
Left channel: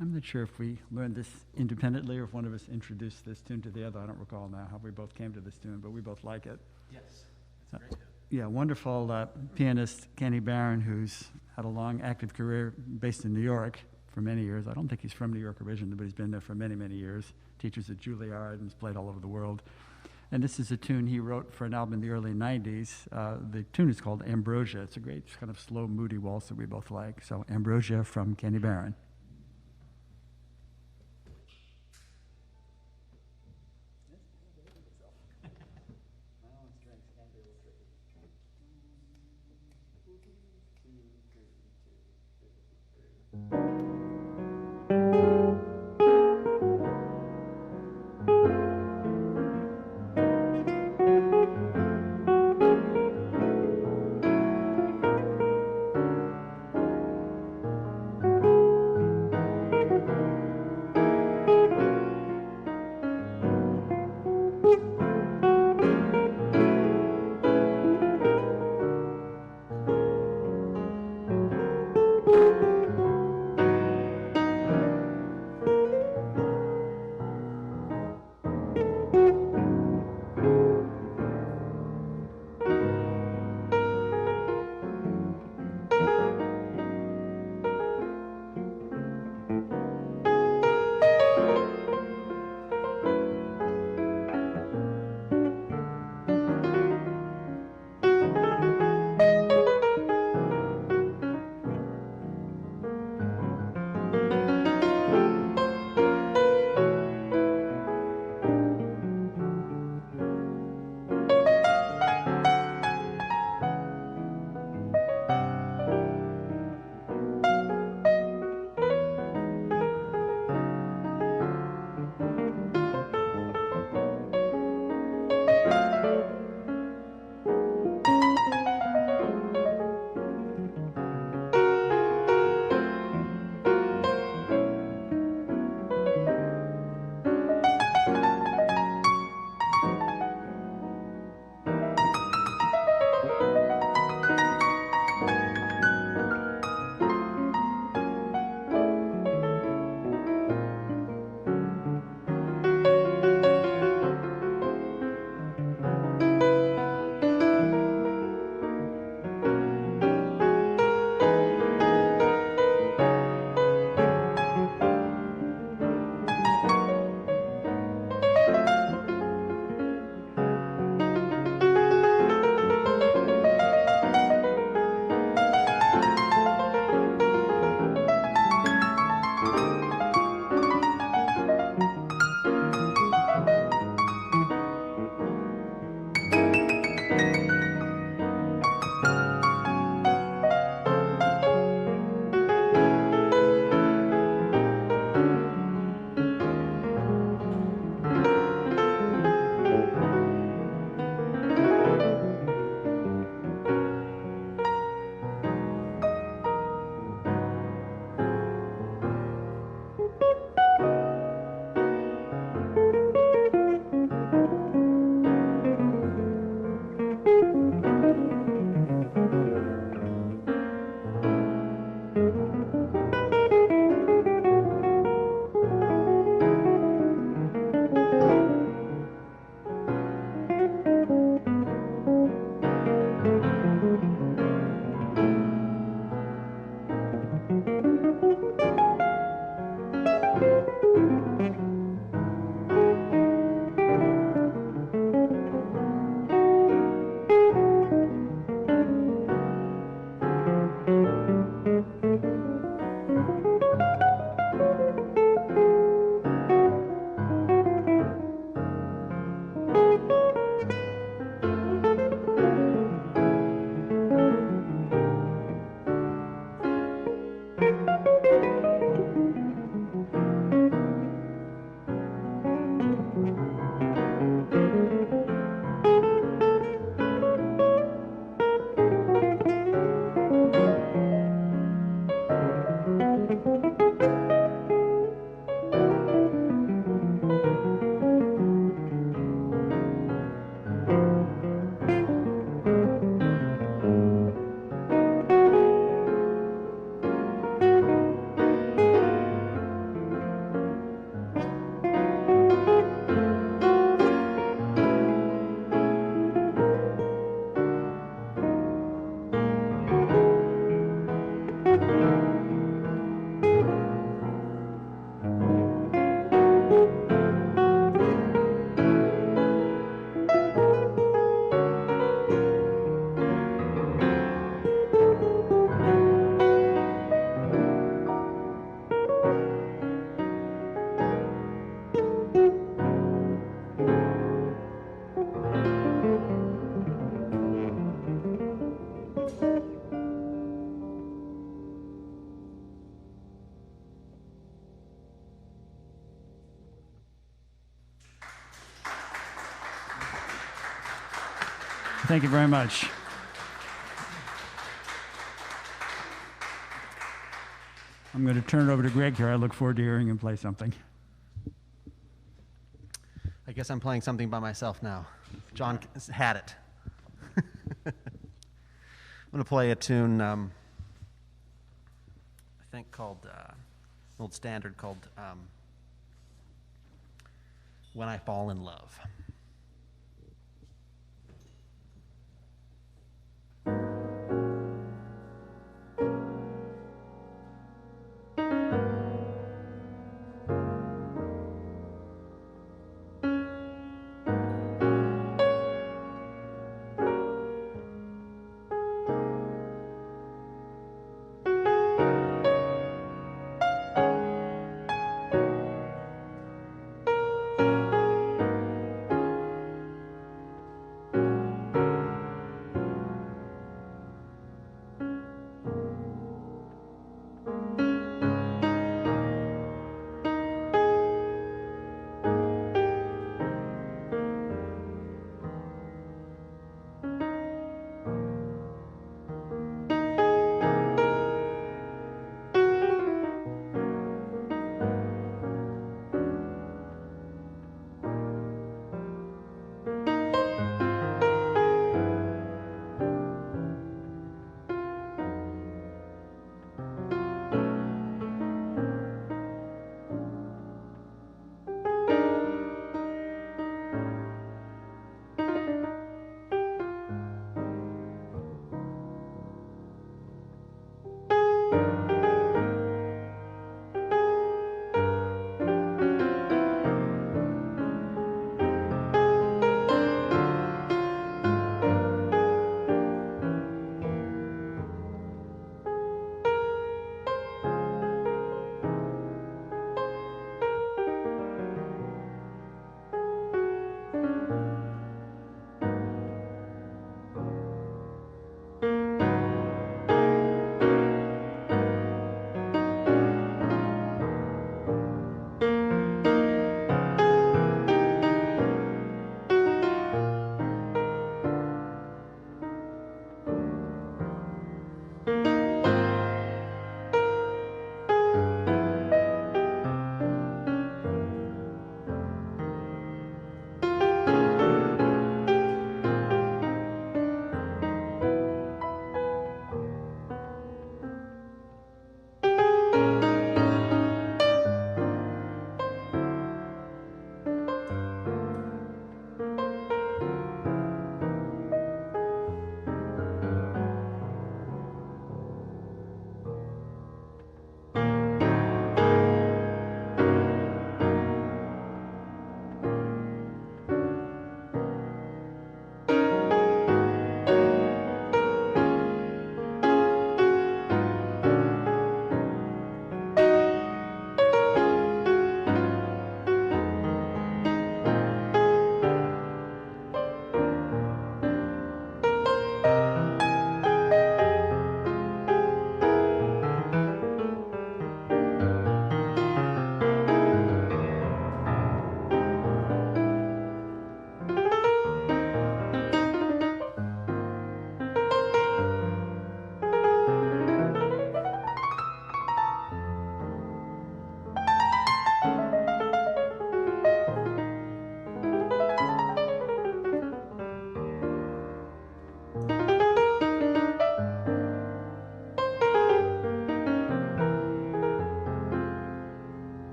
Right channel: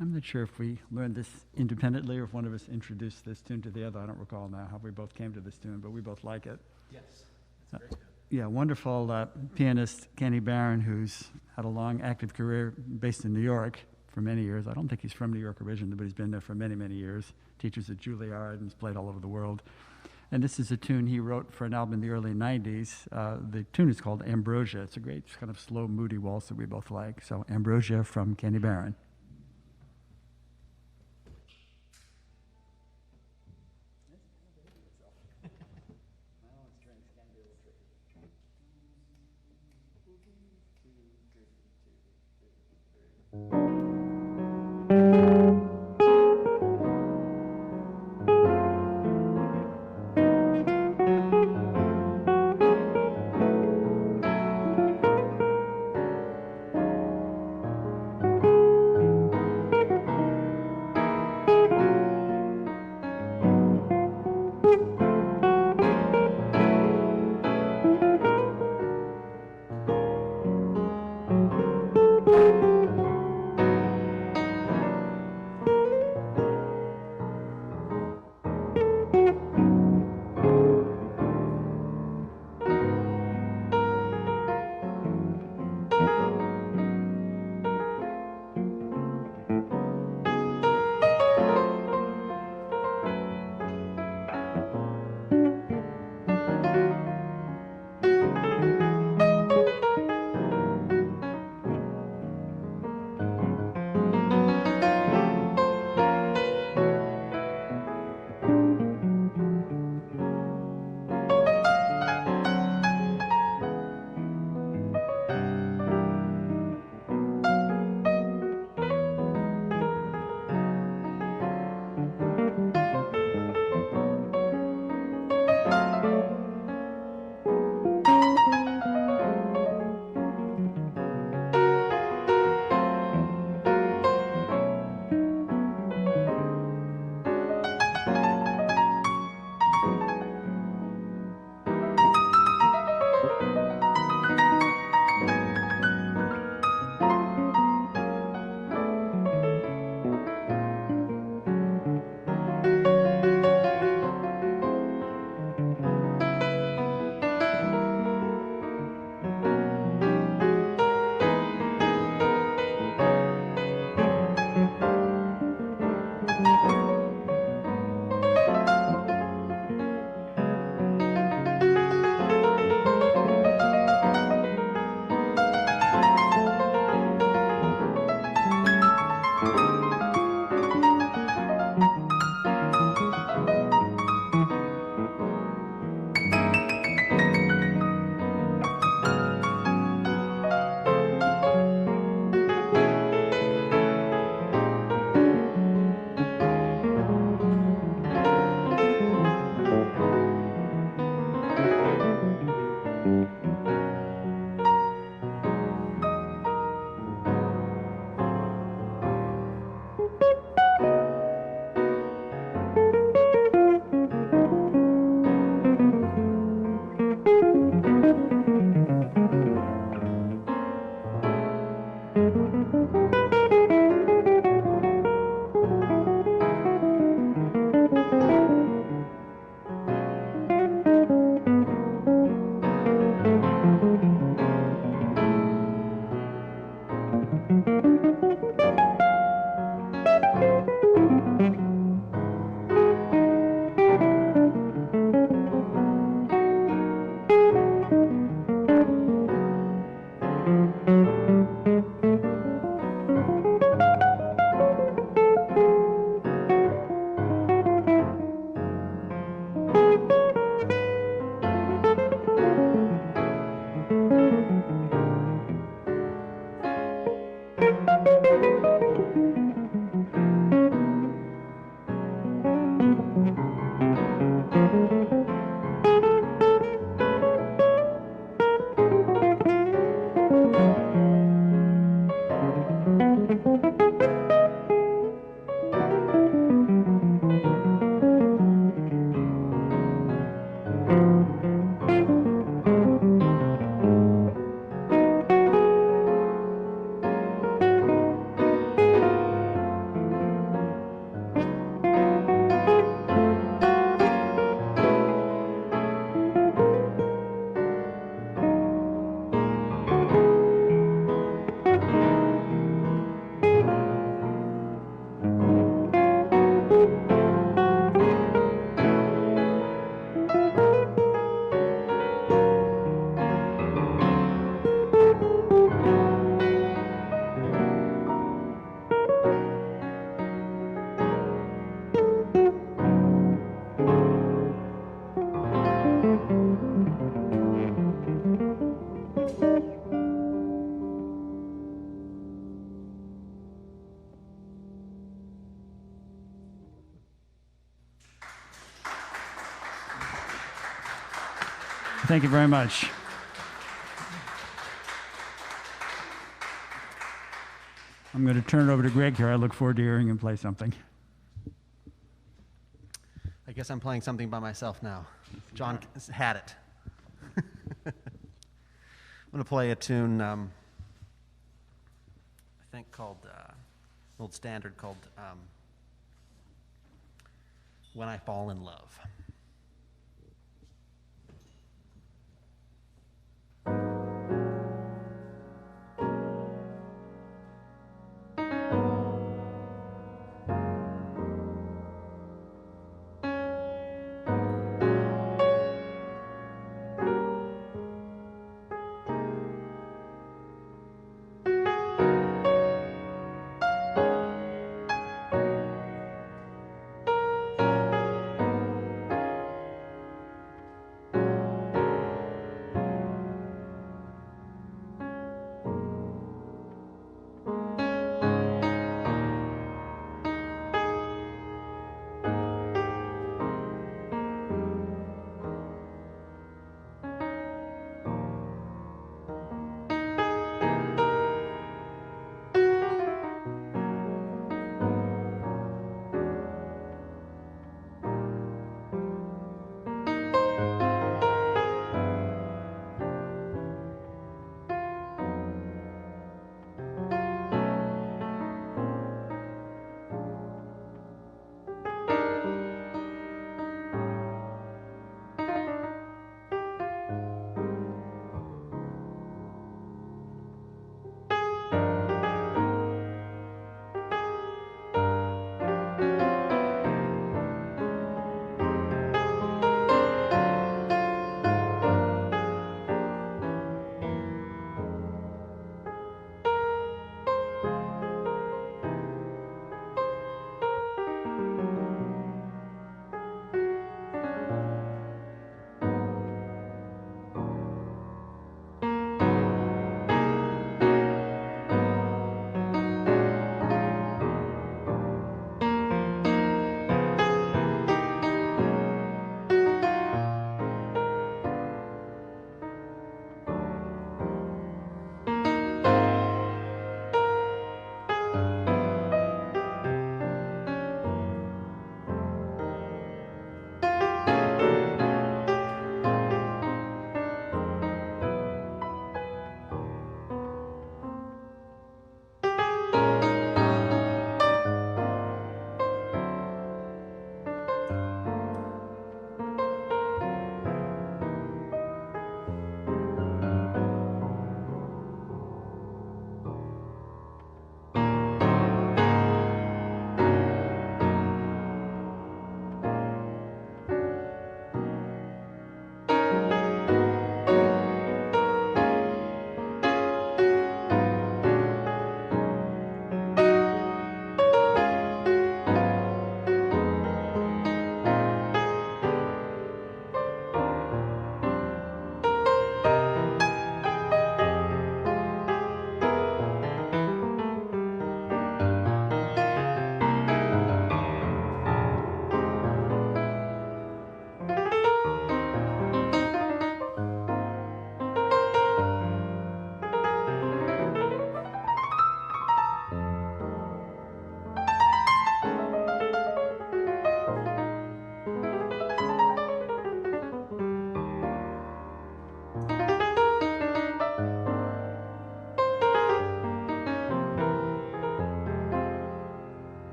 I'm not sure if we learned this independently or if one of us introduced this tune to the other. I don't recall now how we both came to this tune, but we both like it. Yes, it's very good. Yeah, wonderful pianist Kenny Barron, who's had a long active career based in New York for many years. I don't think he's from New York originally, but he's been there for many, many years. Teaches at Juilliard and has played all over the world. And this is a tune he wrote for an album in the early 90s. The tune is called Ambrosia. It's a great kind of slow, moody waltz that we both like. So Ambrosia from Kenny Barron. Thank you very much. I'm going to turn it over to Greg here. I look forward to hearing him play something. I guess I'm playing something by myself now. John had it. I'm going to play a tune, I think called, an old standard called When I Fall in Love.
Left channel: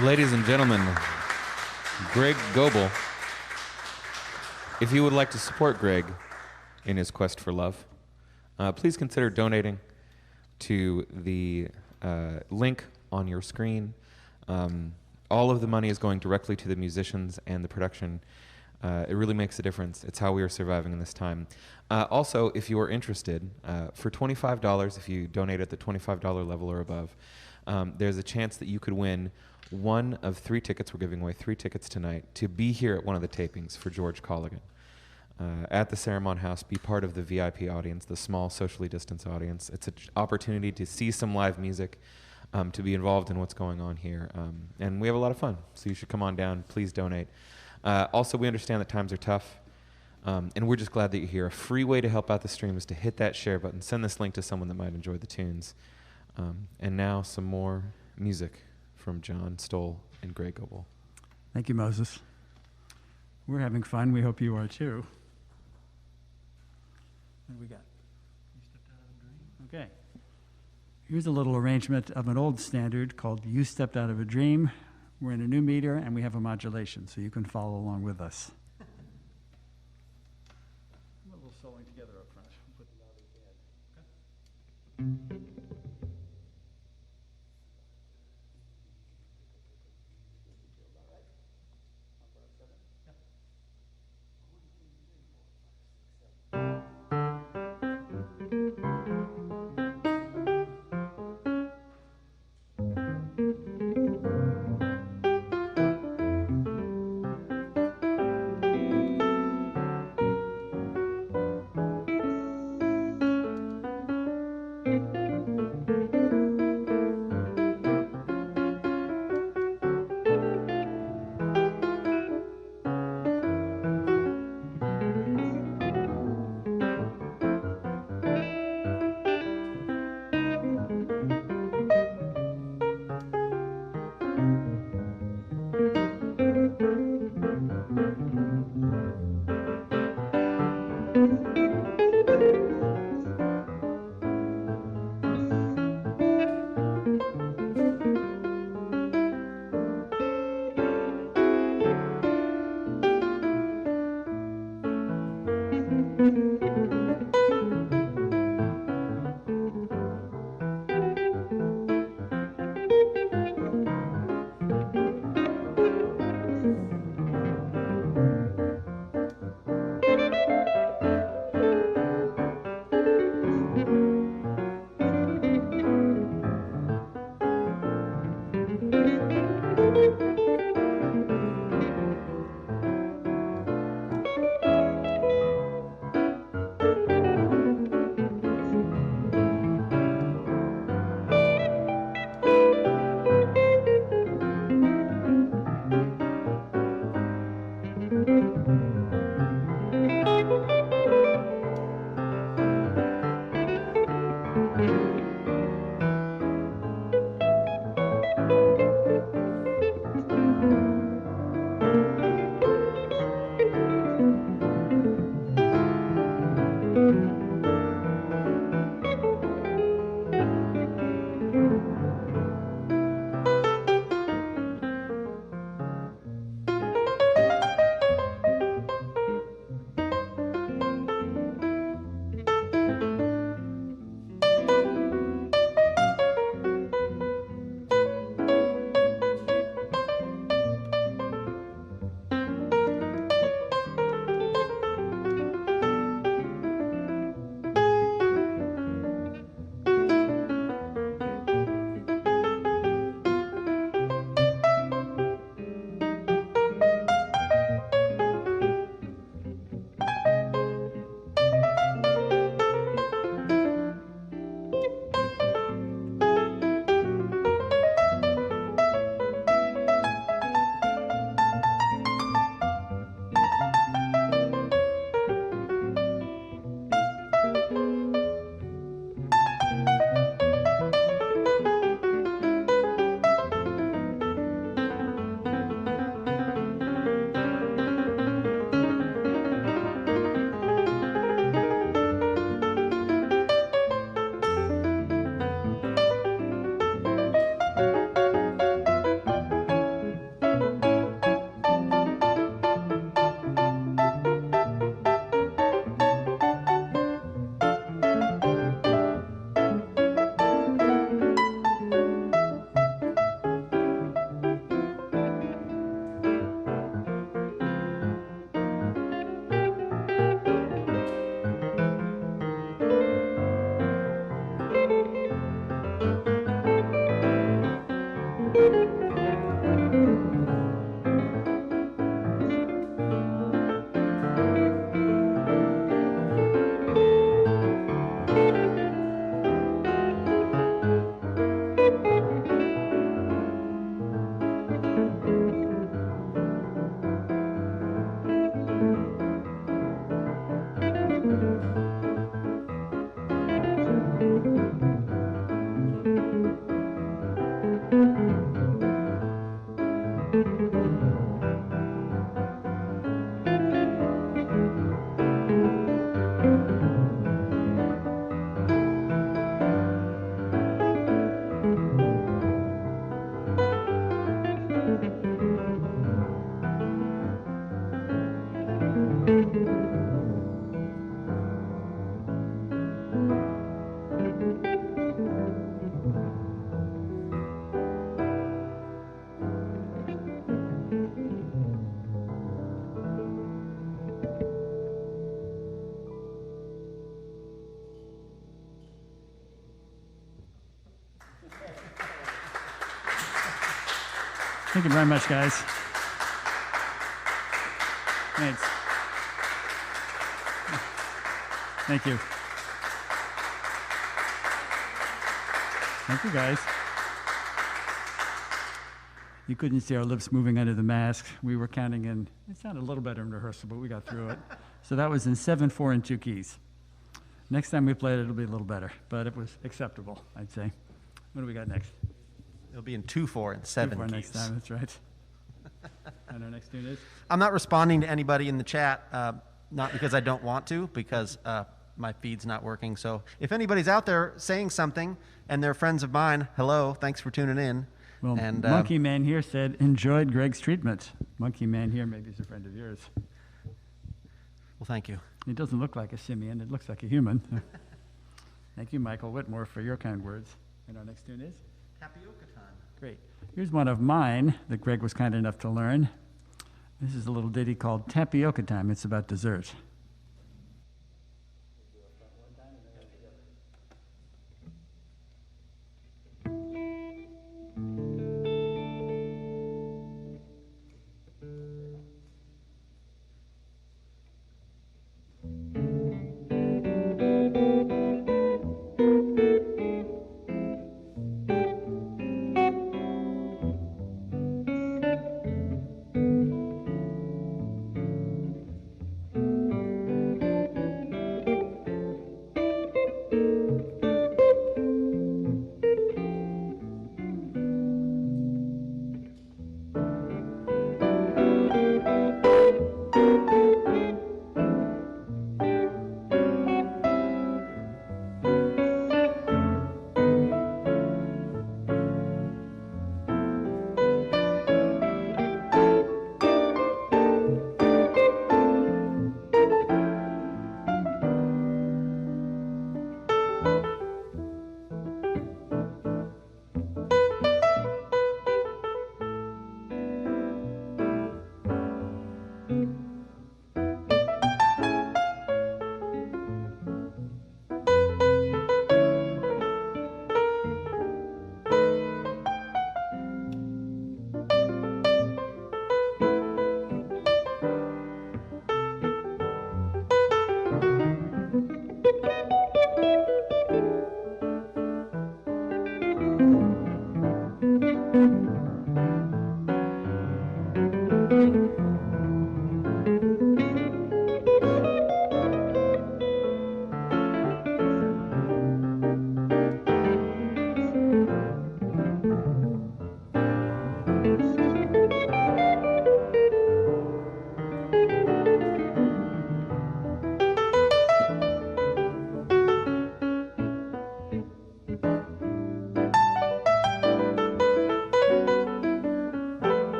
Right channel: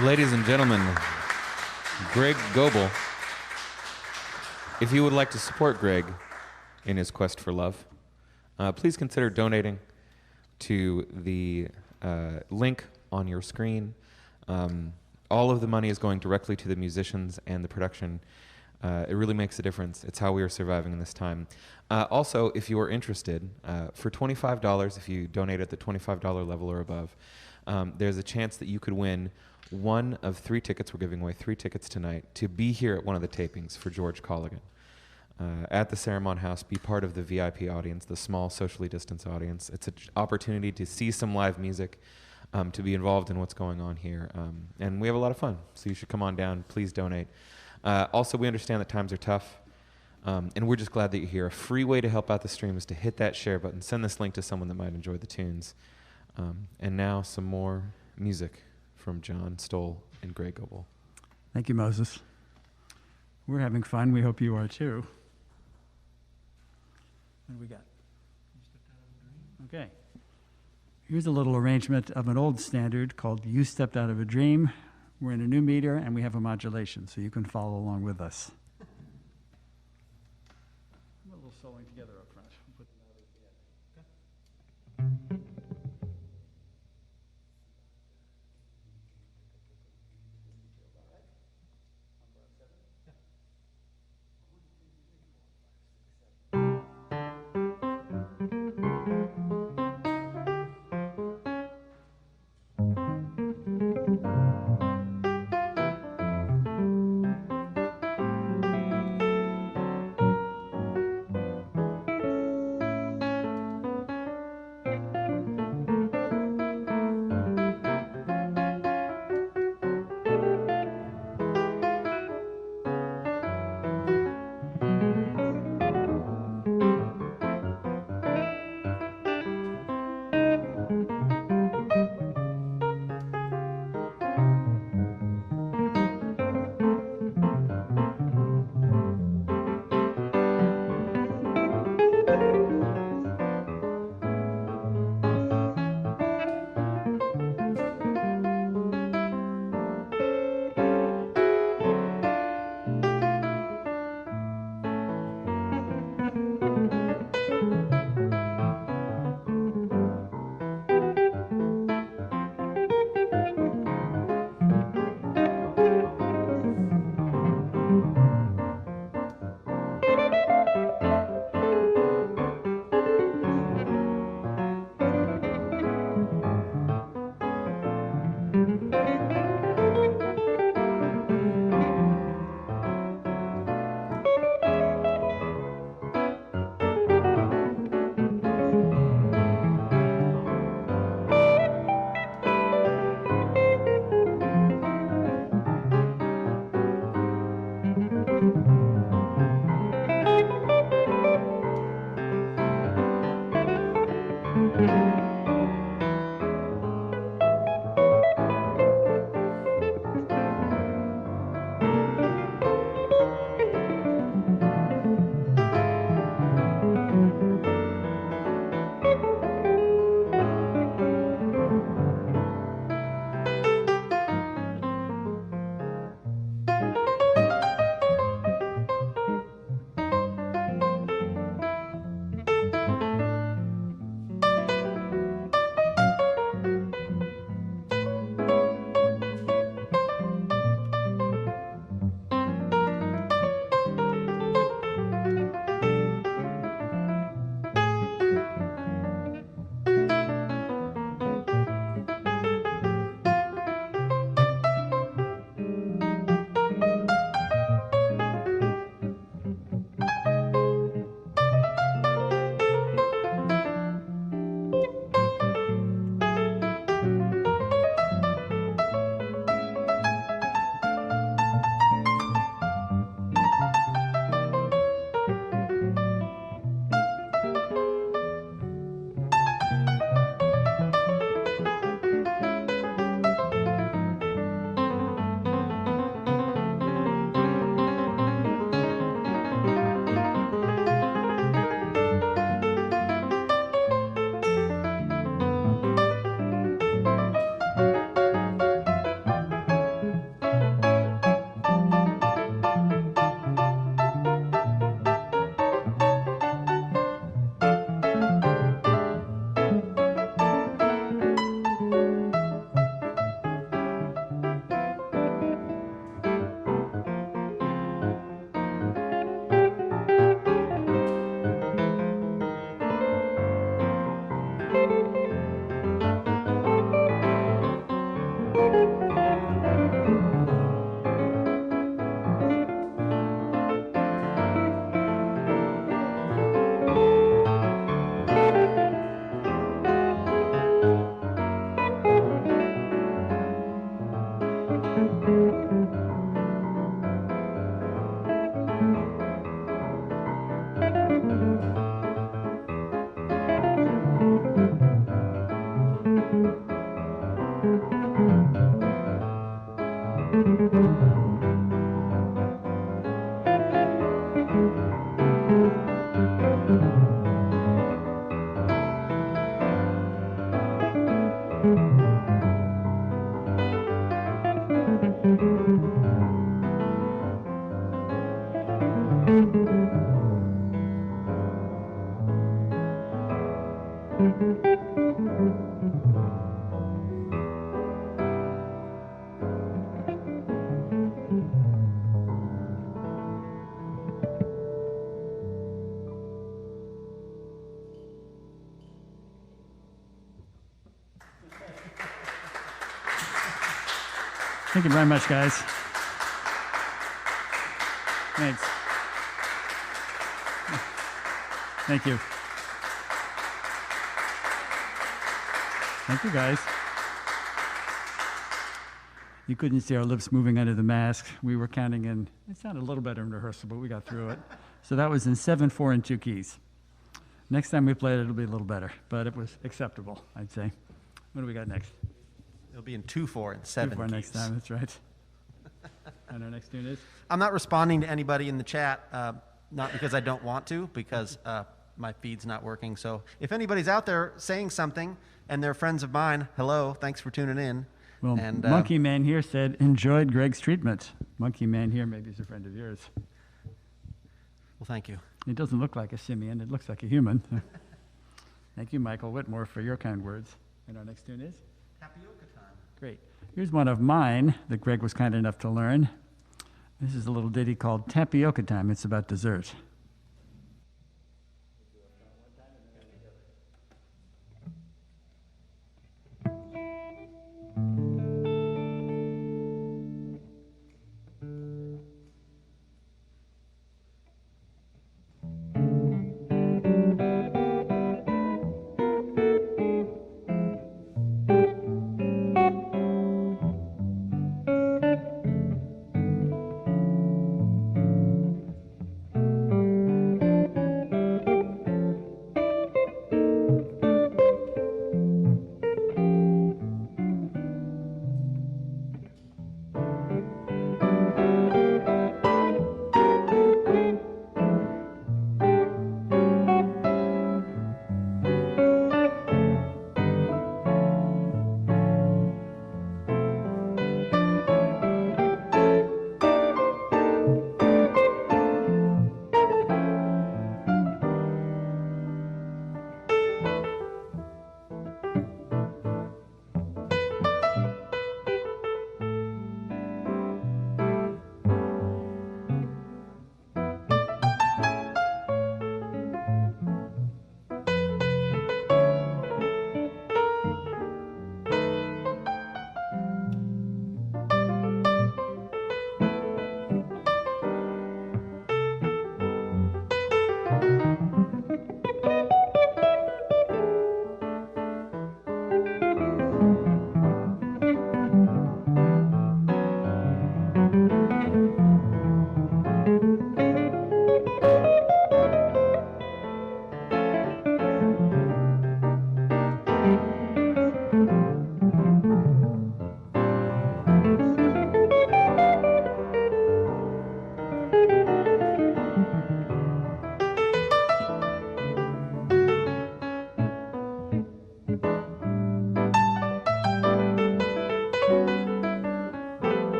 Ladies and gentlemen, Greg Goebel. If you would like to support Greg in his quest for love, please consider donating to the link on your screen. All of the money is going directly to the musicians and the production. It really makes a difference. It's how we are surviving in this time. Also, if you are interested, for $25, if you donate at the $25 level or above, there's a chance that you could win one of 3 tickets. We're giving away 3 tickets tonight to be here at one of the tapings for George Colligan. At the Cerimon House, be part of the VIP audience, the small socially distanced audience. It's an opportunity to see some live music, to be involved in what's going on here. And we have a lot of fun, so you should come on down. Please donate. Also, we understand that times are tough, and we're just glad that you're here. A free way to help out the stream is to hit that share button. Send this link to someone that might enjoy the tunes. And now some more music from John Stowell and Greg Goebel. Thank you, Moses. We're having fun. We hope you are too. What do we got? Okay. Here's a little arrangement of an old standard called You Stepped Out of a Dream. We're in a new meter, and we have a modulation, so you can follow along with us. A little soloing together up front. We'll put the louder at the end. Okay? Thank you very much, guys. Thanks. Thank you. Thank you, guys. You couldn't see our lips moving under the mask. We were counting in, it sounded a little better in rehearsal, but we got through it. So that was in 7, 4, and 2 keys. Next time we play it, it'll be a little better, but it was acceptable, I'd say. What do we got next? It'll be in 2, 4, and 7 2, 4 keys. next time, that's right. And our next tune is? I'm not responding to anybody in the chat, not because I don't want to, because my feed's not working. So if anybody's out there saying something and they're friends of mine, hello, thanks for tuning in. Well, And, Monkey Man here said, enjoyed Greg's treatment. Monkey Man here maybe is a friend of yours. Well, thank you. It doesn't look like a simian, it looks like a human. Thank you, Michael Whitmore, for your kind words. And our next tune is? Tapioca time. Great. Here's one of mine that Greg was kind enough to learn. This is a little ditty called Tapioca Time. It's about dessert.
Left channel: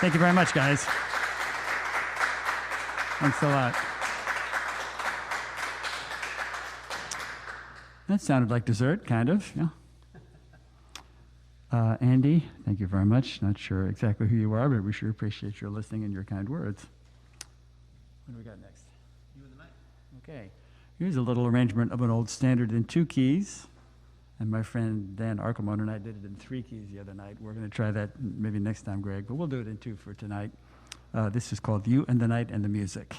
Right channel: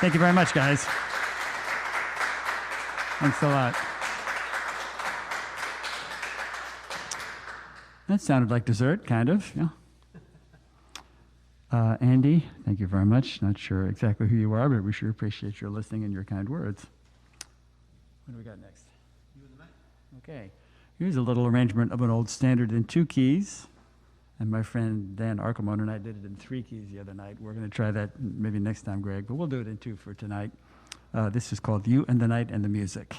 Thank you very much, guys. Thanks a lot. That sounded like dessert, kind of. Yeah. Andy, thank you very much. Not sure exactly who you are, but we sure appreciate your listening and your kind words. What do we got next? You and the mic. Okay. Here's a little arrangement of an old standard in 2 keys. And my friend Dan Arkelman and I did it in 3 keys the other night. We're going to try that maybe next time, Greg, but we'll do it in 2 for tonight. This is called You and the Night and the Music.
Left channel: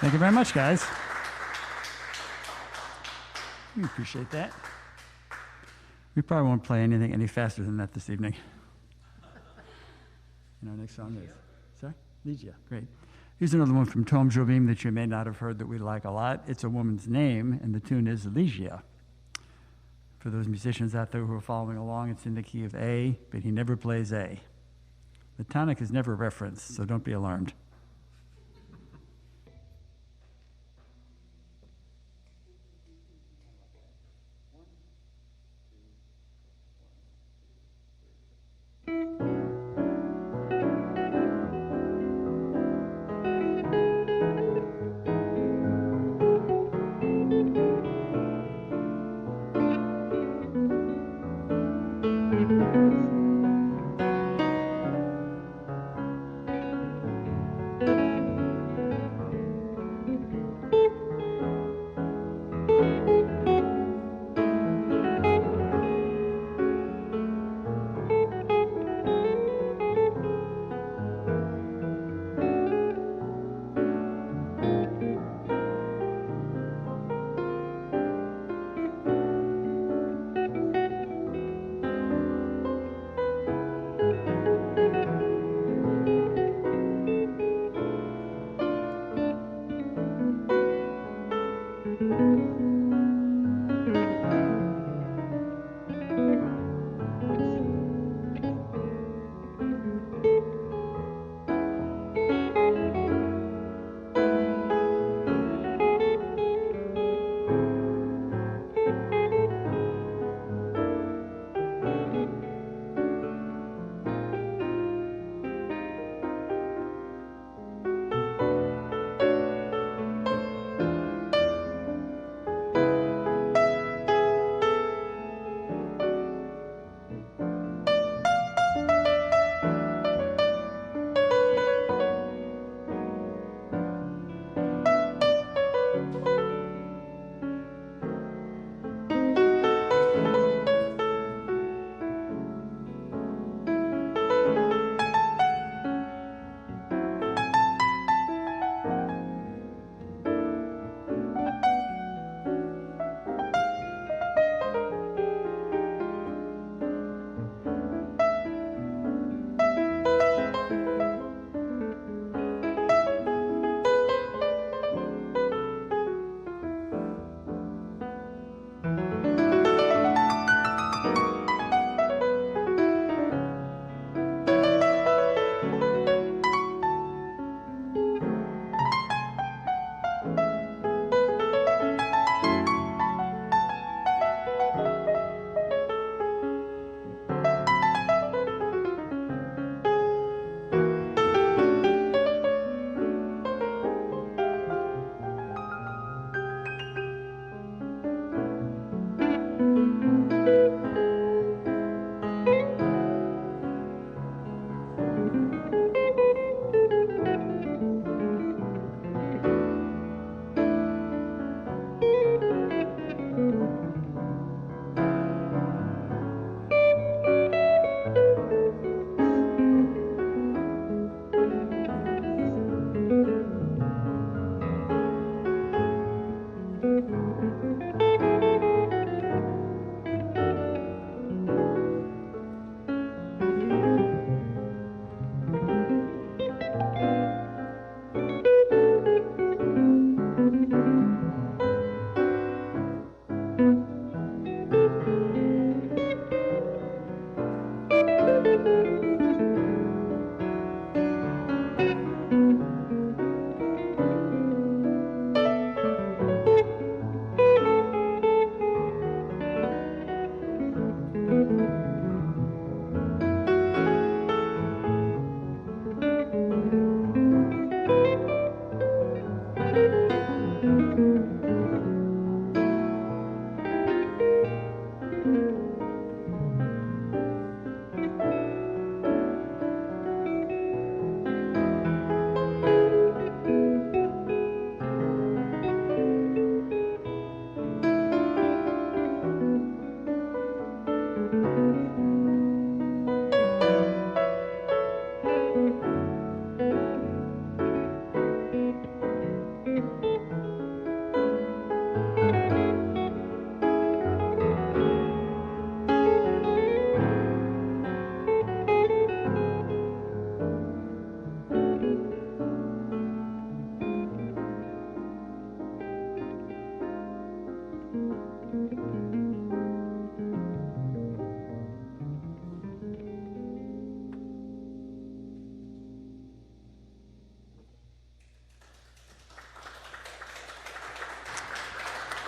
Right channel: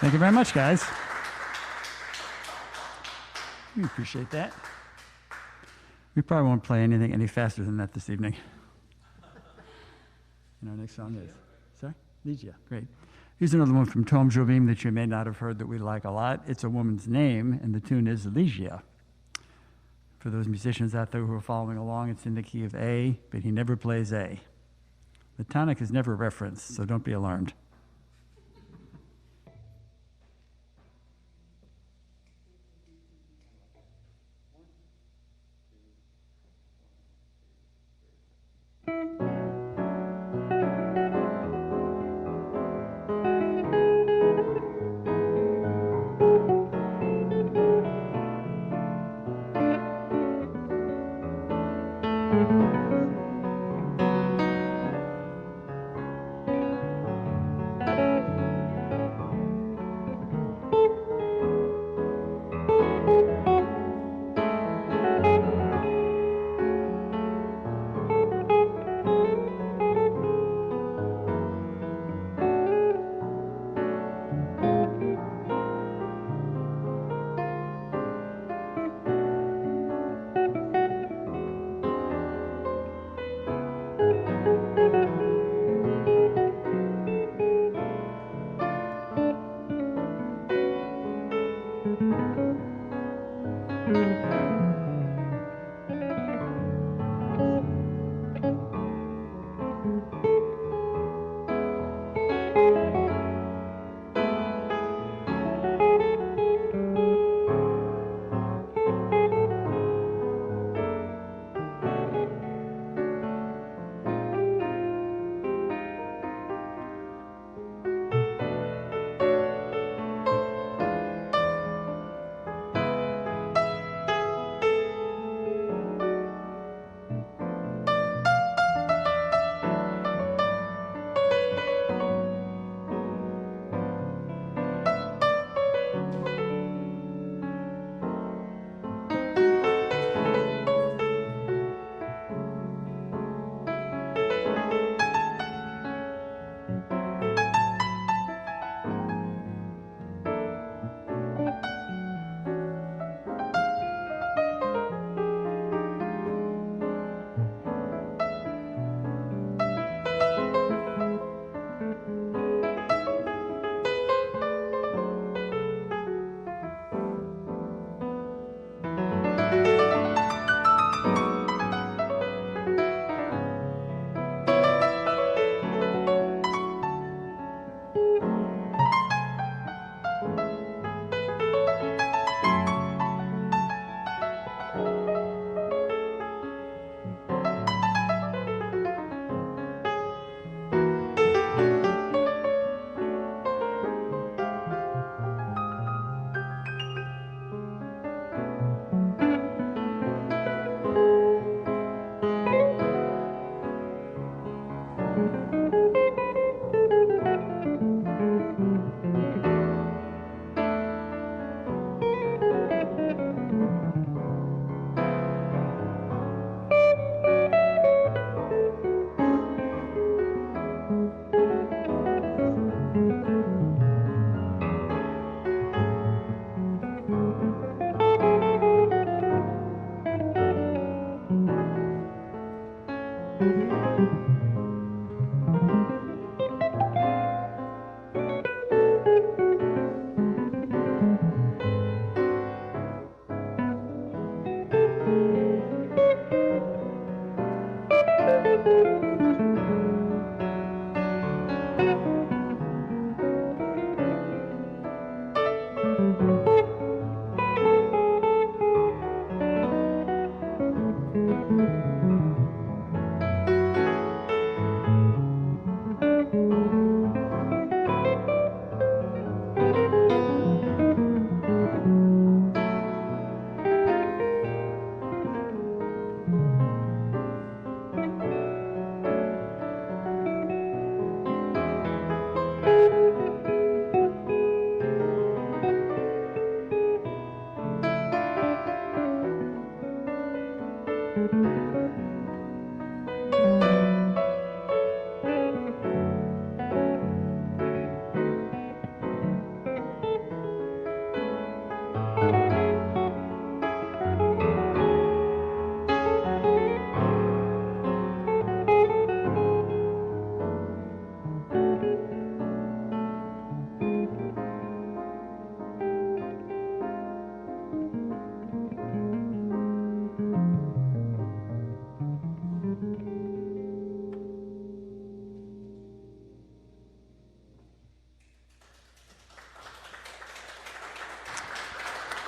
Thank you very much, guys. We appreciate that. We probably won't play anything any faster than that this evening. And our next song is, sorry? Ligia, great. Here's another one from Tom Jobim that you may not have heard that we like a lot. It's a woman's name, and the tune is Ligia. For those musicians out there who are following along, it's in the key of A, but he never plays A. The tonic is never referenced, so don't be alarmed.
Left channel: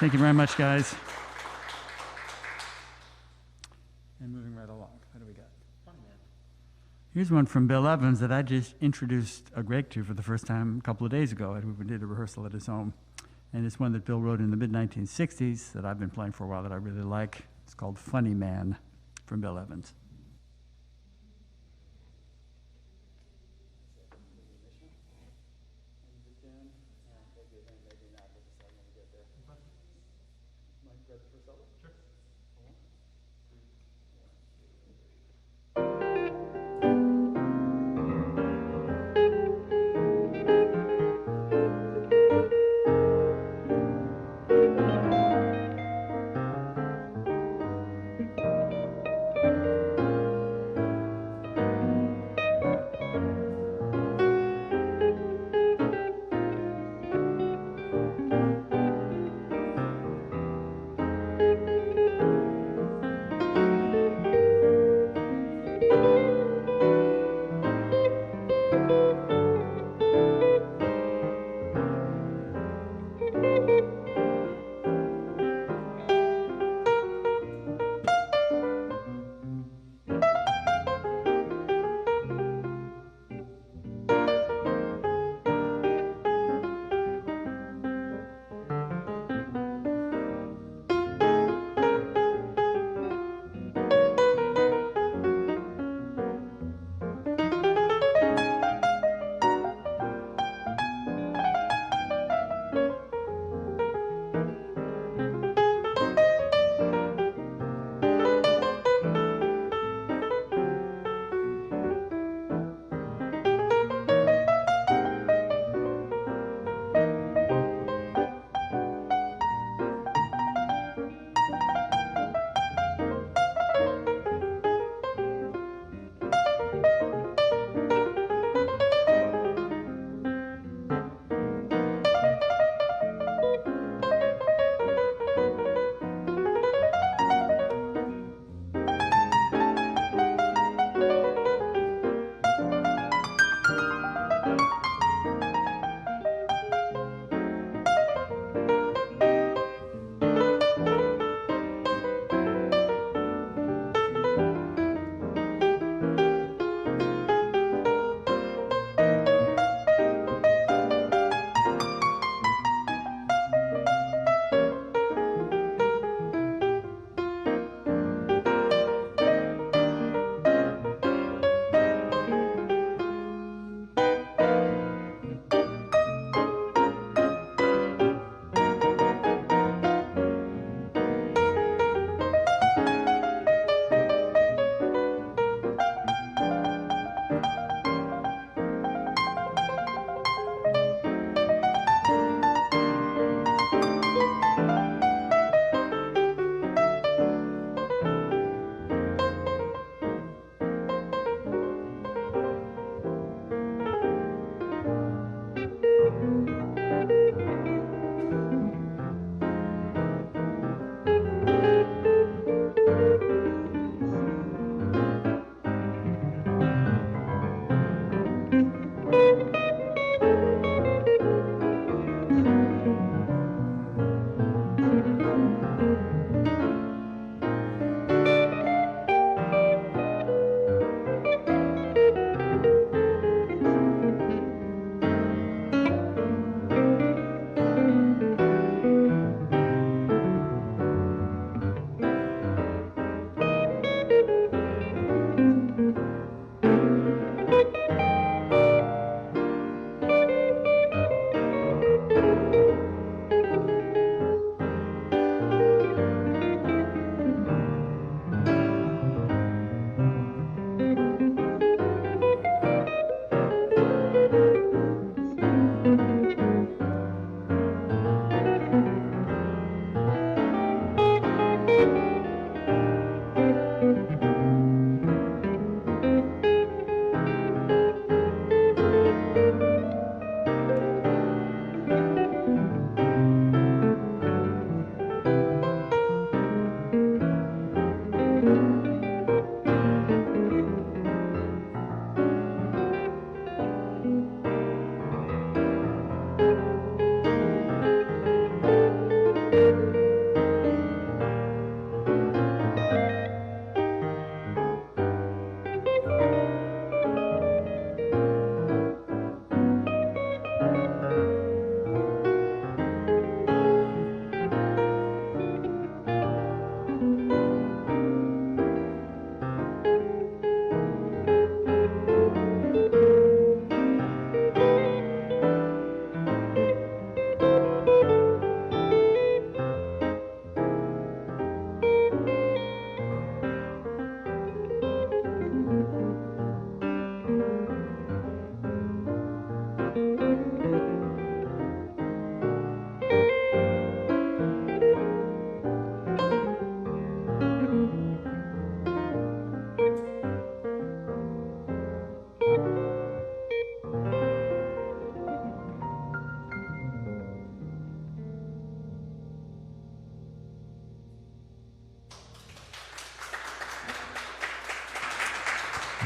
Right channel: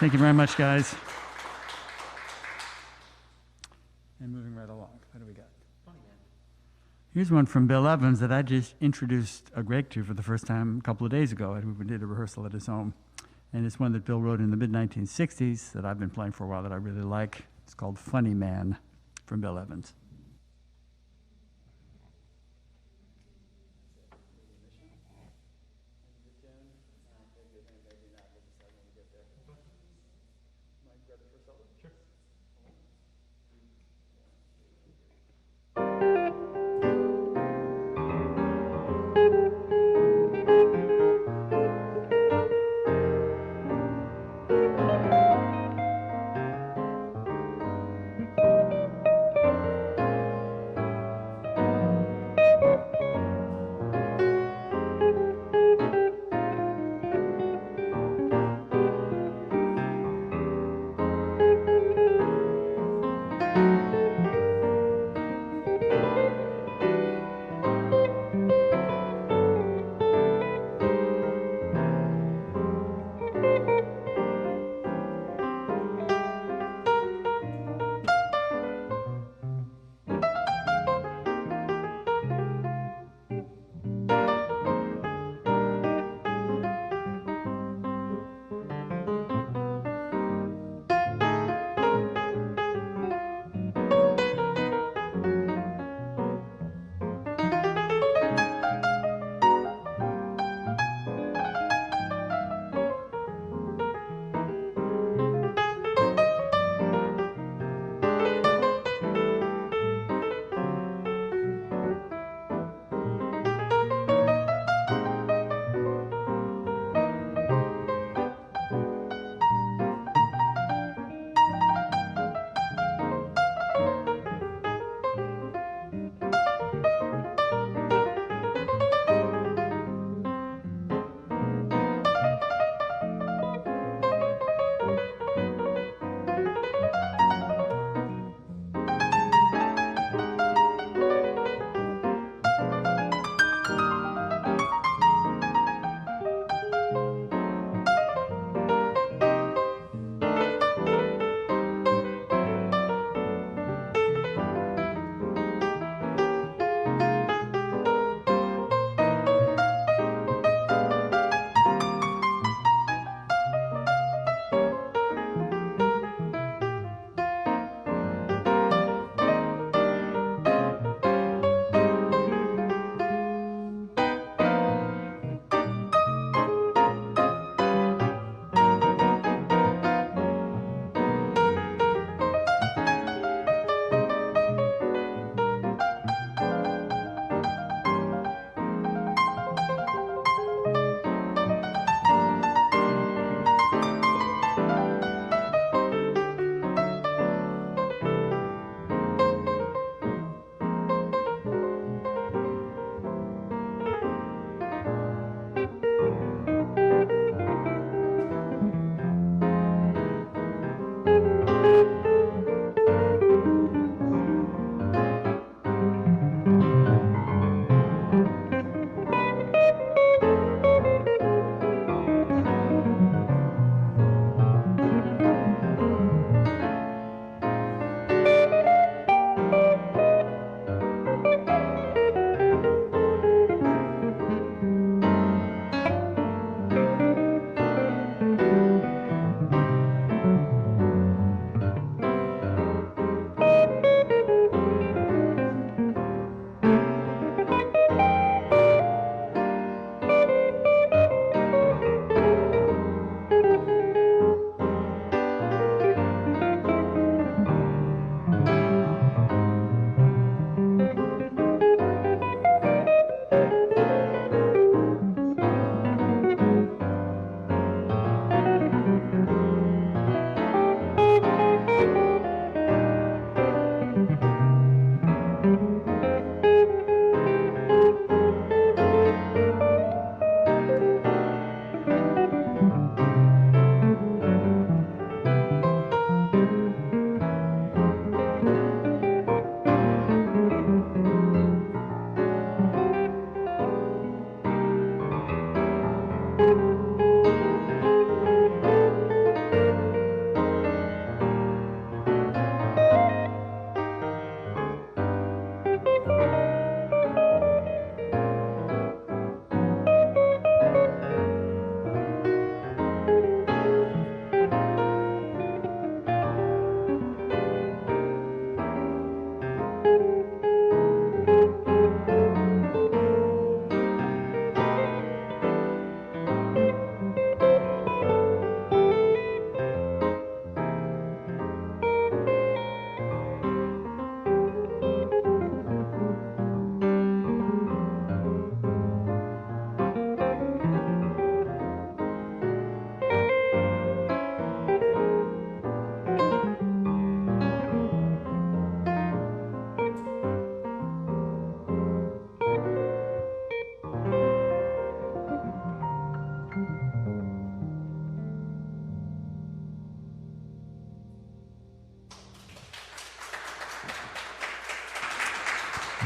Thank you very much, guys. And moving right along, what do we got? Here's one from Bill Evans that I just introduced Greg to for the first time a couple of days ago. We did a rehearsal at his home. And it's one that Bill wrote in the mid-1960s that I've been playing for a while that I really like. It's called Funny Man from Bill Evans.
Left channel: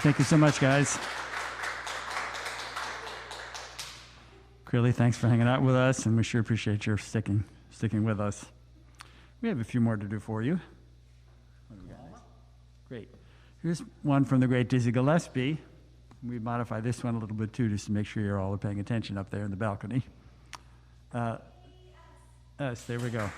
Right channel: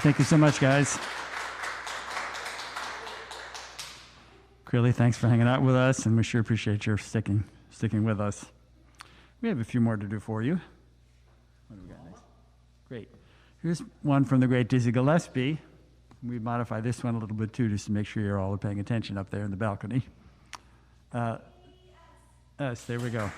Thank you so much, guys. Clearly, thanks for hanging out with us, and we sure appreciate your sticking with us. We have a few more to do for you. What do we got next? Great. Here's one from the great Dizzy Gillespie. We modify this one a little bit too, just to make sure you're all paying attention up there in the balcony. Yes, there we go.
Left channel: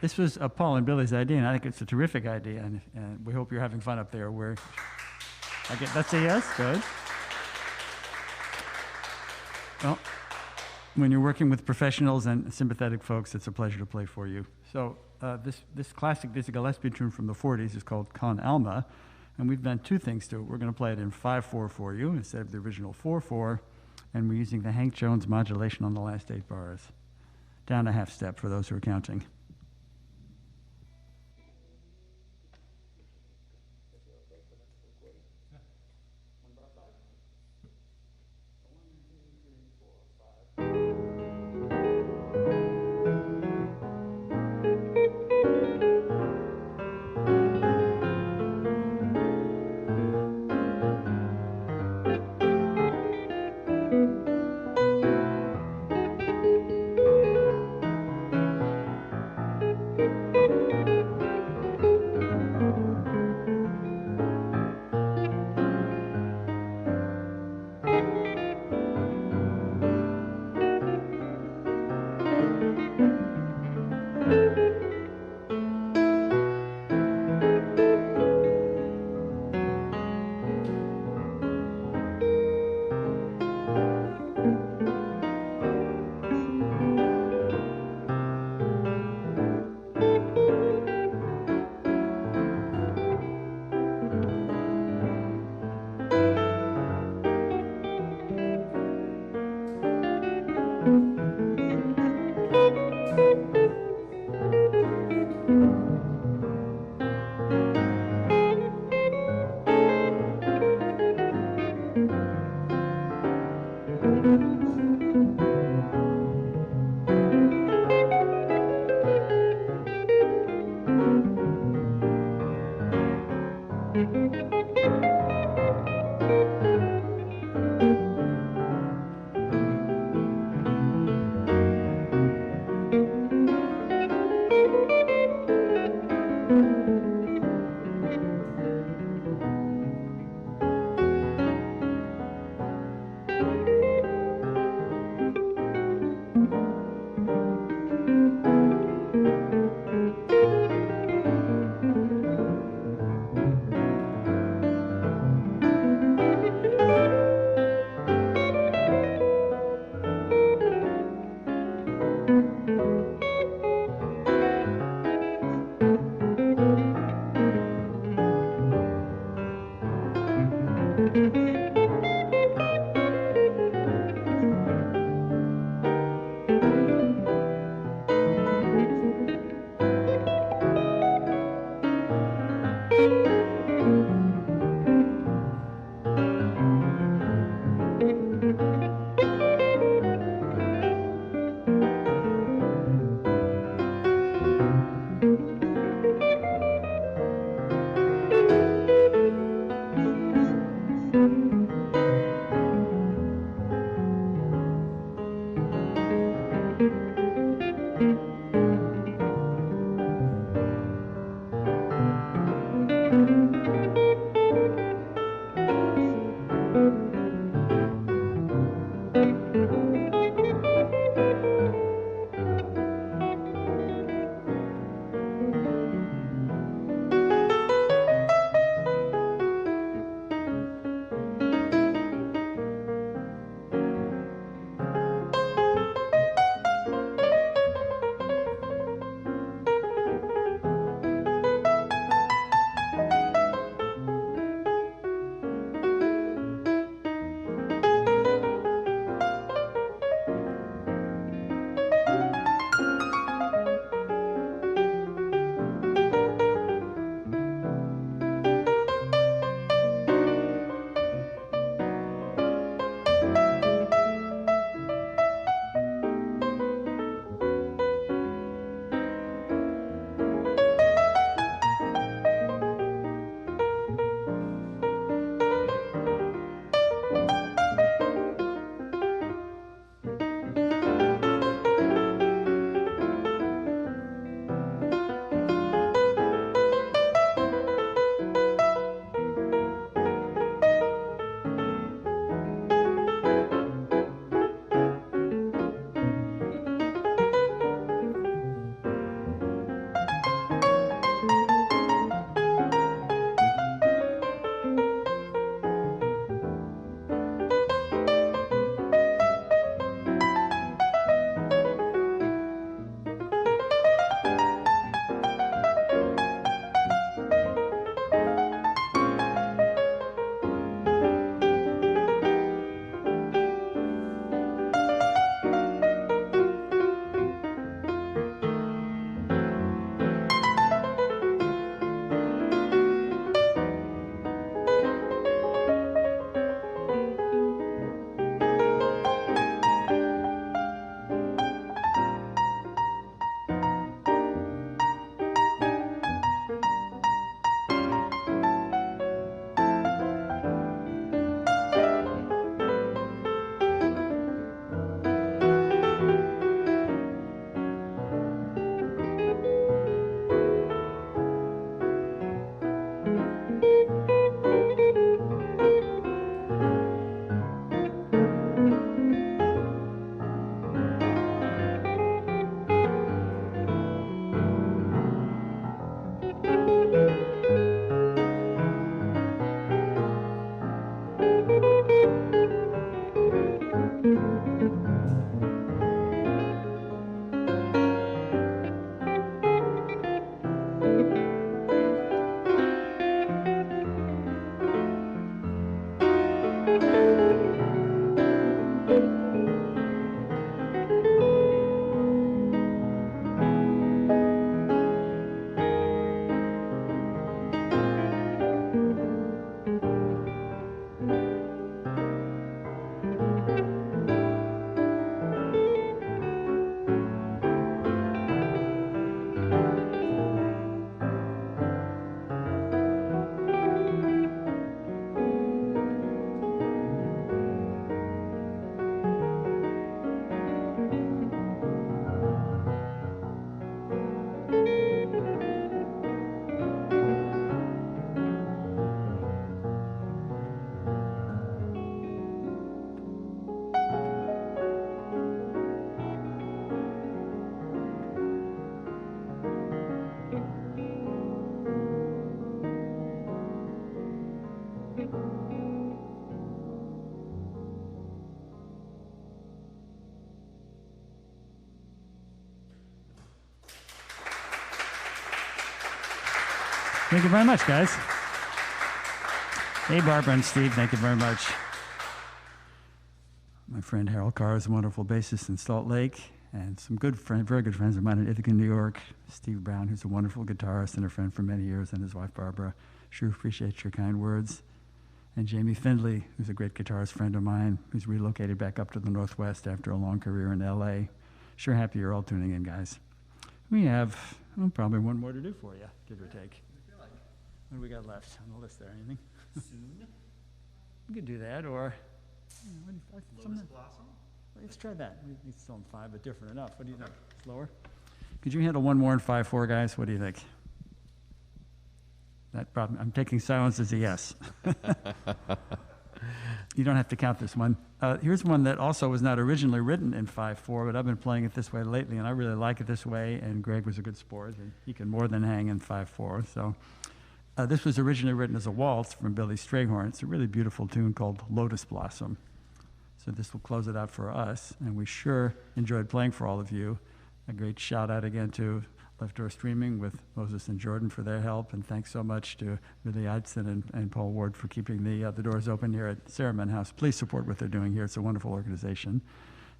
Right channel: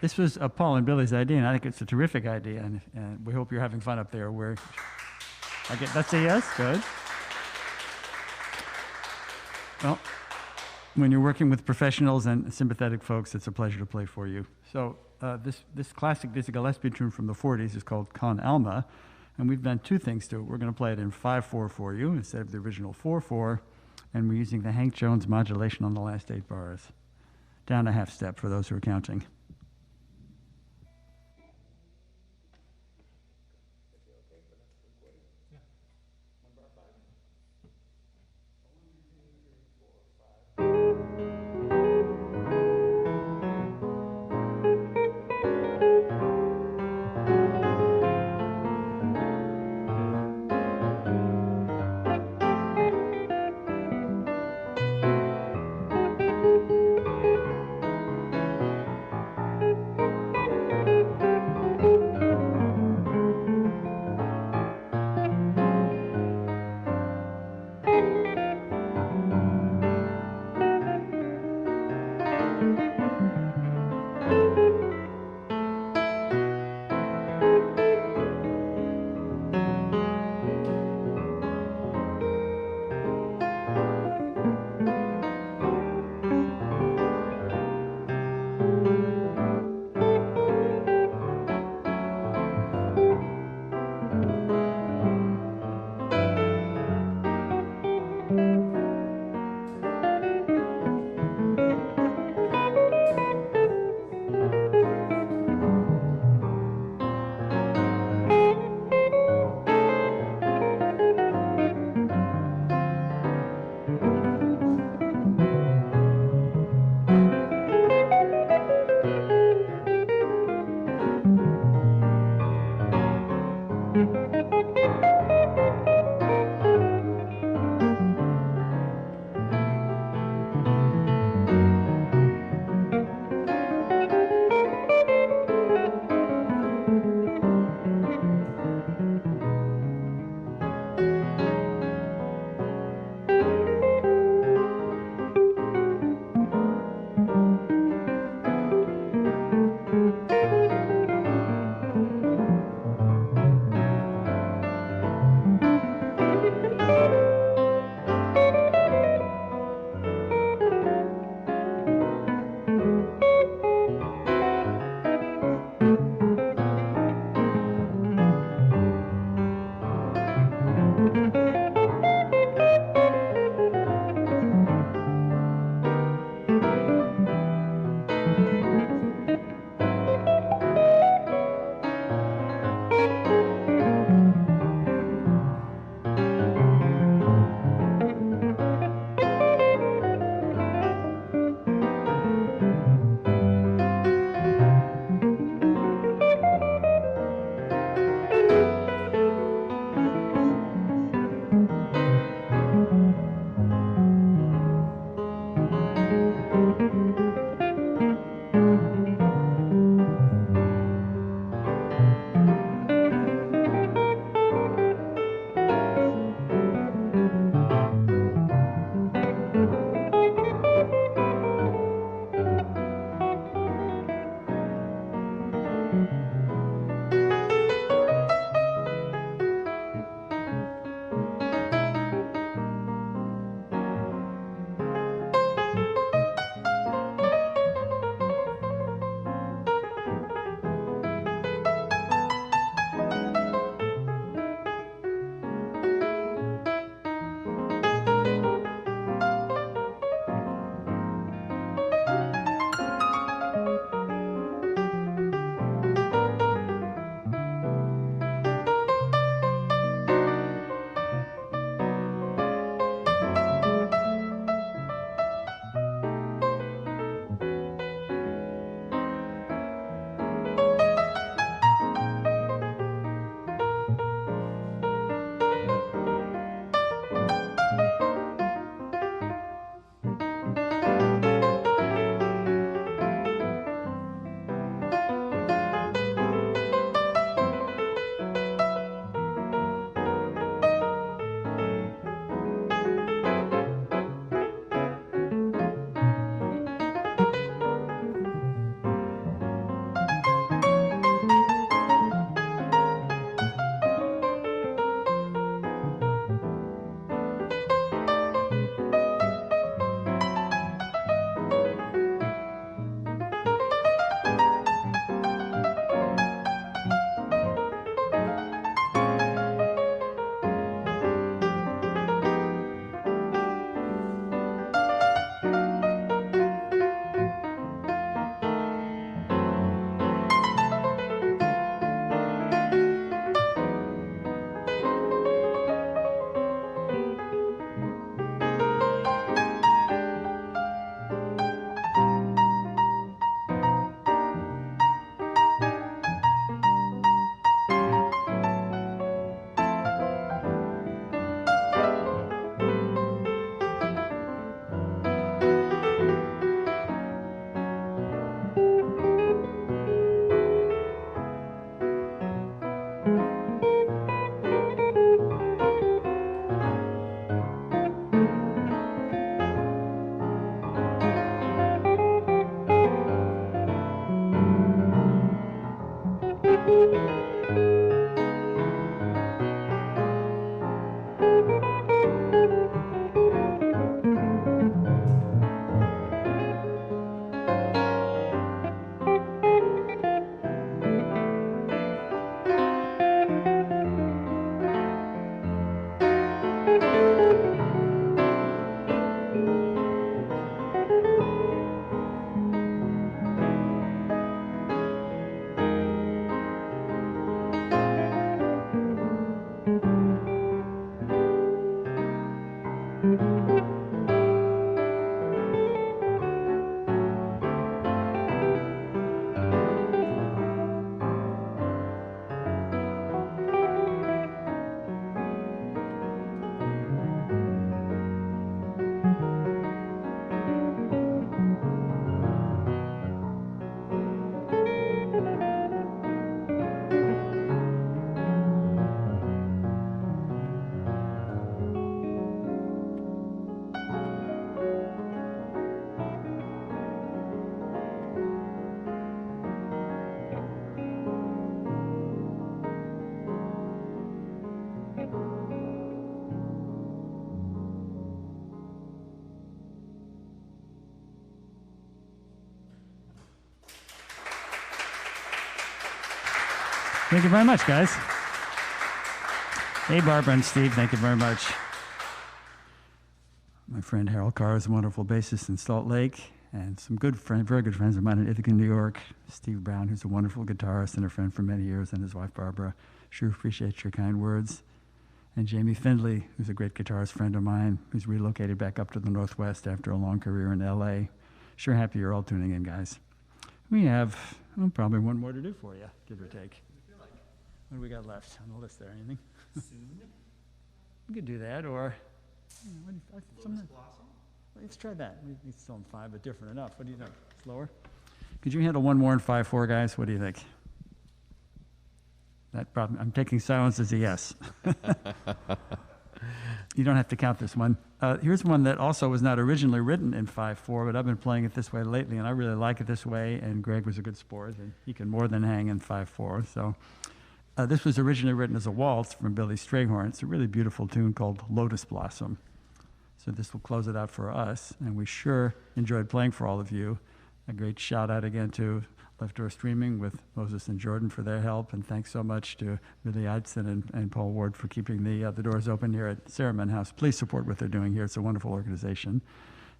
This was Paul and Billy's idea, and I think it's a terrific idea, and we hope you're having fun up there. That's a yes, good. Well, when you're working with professionals and sympathetic folks, it's a pleasure to play for you. So this classic Dizzy Gillespie tune from the 40s is called Con Alma, and we've done two things to it. We're going to play it in 5/4 for you instead of the original 4/4, and we're using the Hank Jones modulation on the last 8 bars. Down a half step for those who are counting. Thank you very much, guys. Hey, Barbara and Steve, thank you very much. My friend Harold Carr is a wonderful bassist in Salt Lake, and some very good friends of mine in Ithaca, New York. Steve Brown, who's a wonderful guitarist and a friend for many years, and his wife, Barbara. Sure appreciate your kind words. And Jamie Findley, who's a great guitarist friend of mine, who's relocated back up to the Northwest after a long career in LA. Sure happy you're all tuning in, guys. We have probably one more to do for you, give or take. What do we got left on the list there? Anything? Soon. We could do that, or Lotus Blossom. let's try that. It's still in 5, but different enough. What do you think? Slower? Could you handle one more in 5/4, guys? What do you think? That problem. I'm taking silence as a yes. You don't have to count this one. Here's one that also was not originally written in 5/4, but I've been playing it this way lately, and I really like it this way. And Greg was a good sport, and he can more than hang in 5/4. So. This was originally written as a waltz from Billy Strayhorn. It's a really beautiful tune called Lotus Blossom. So this will close it out for us, and we sure enjoyed playing for all of you. A great shout out again to Left Door Streaming with Moses and Jordan for their help, and thanks so much to Billy Eidson and Paul Ward for keeping the doors open here at Cerimon House. Please support what they're doing here. It's a wonderful organization.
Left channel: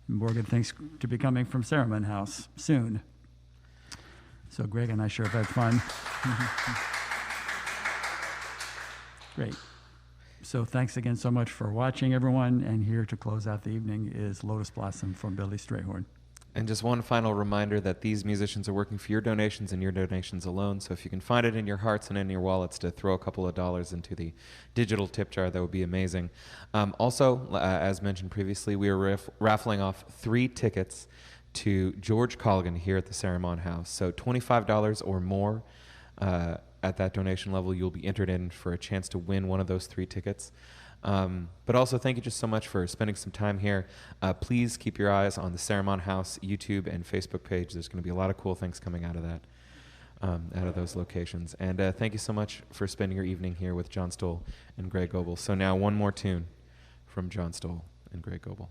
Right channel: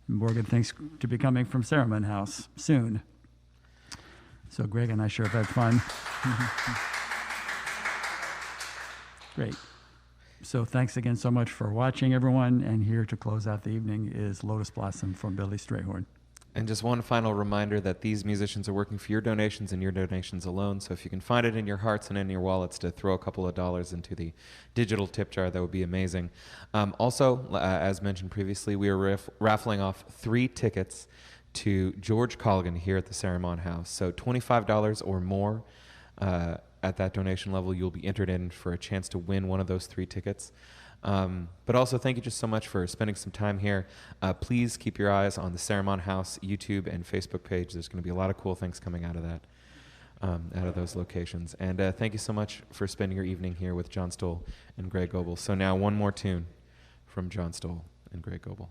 And Morgan, thanks to be coming from Cerimon House soon. So Greg and I sure have had fun. Great. So thanks again so much for watching, everyone. And here to close out the evening is Lotus Blossom from Billy Strayhorn. And just one final reminder that these musicians are working for your donations and your donations alone. So if you can find it in your hearts and in your wallets to throw a couple of dollars into the digital tip jar, that would be amazing. Also, as mentioned previously, we are raffling off 3 tickets to George Colligan here at the Cerimon House. So $25 or more at that donation level, you'll be entered in for a chance to win one of those 3 tickets. But also, thank you just so much for spending some time here. Please keep your eyes on the Cerimon House YouTube and Facebook page. There's going to be a lot of cool things coming out of that, out of those locations. And thank you so much for spending your evening here with John Stowell and Greg Goebel. So now one more tune from John Stowell and Greg Goebel.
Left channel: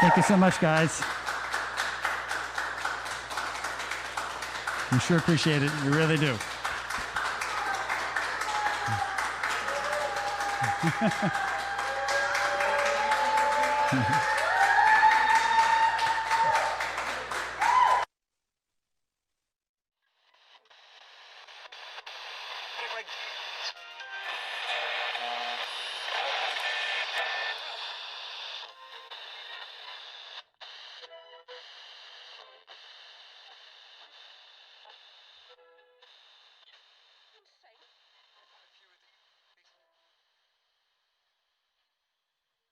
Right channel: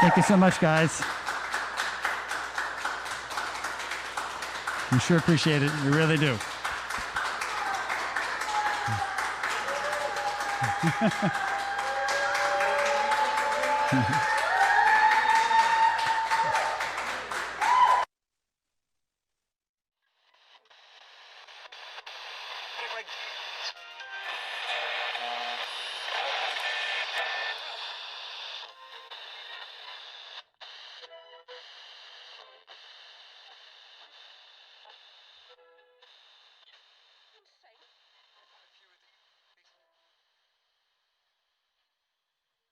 Thank you so much, guys. We sure appreciate it. We really do.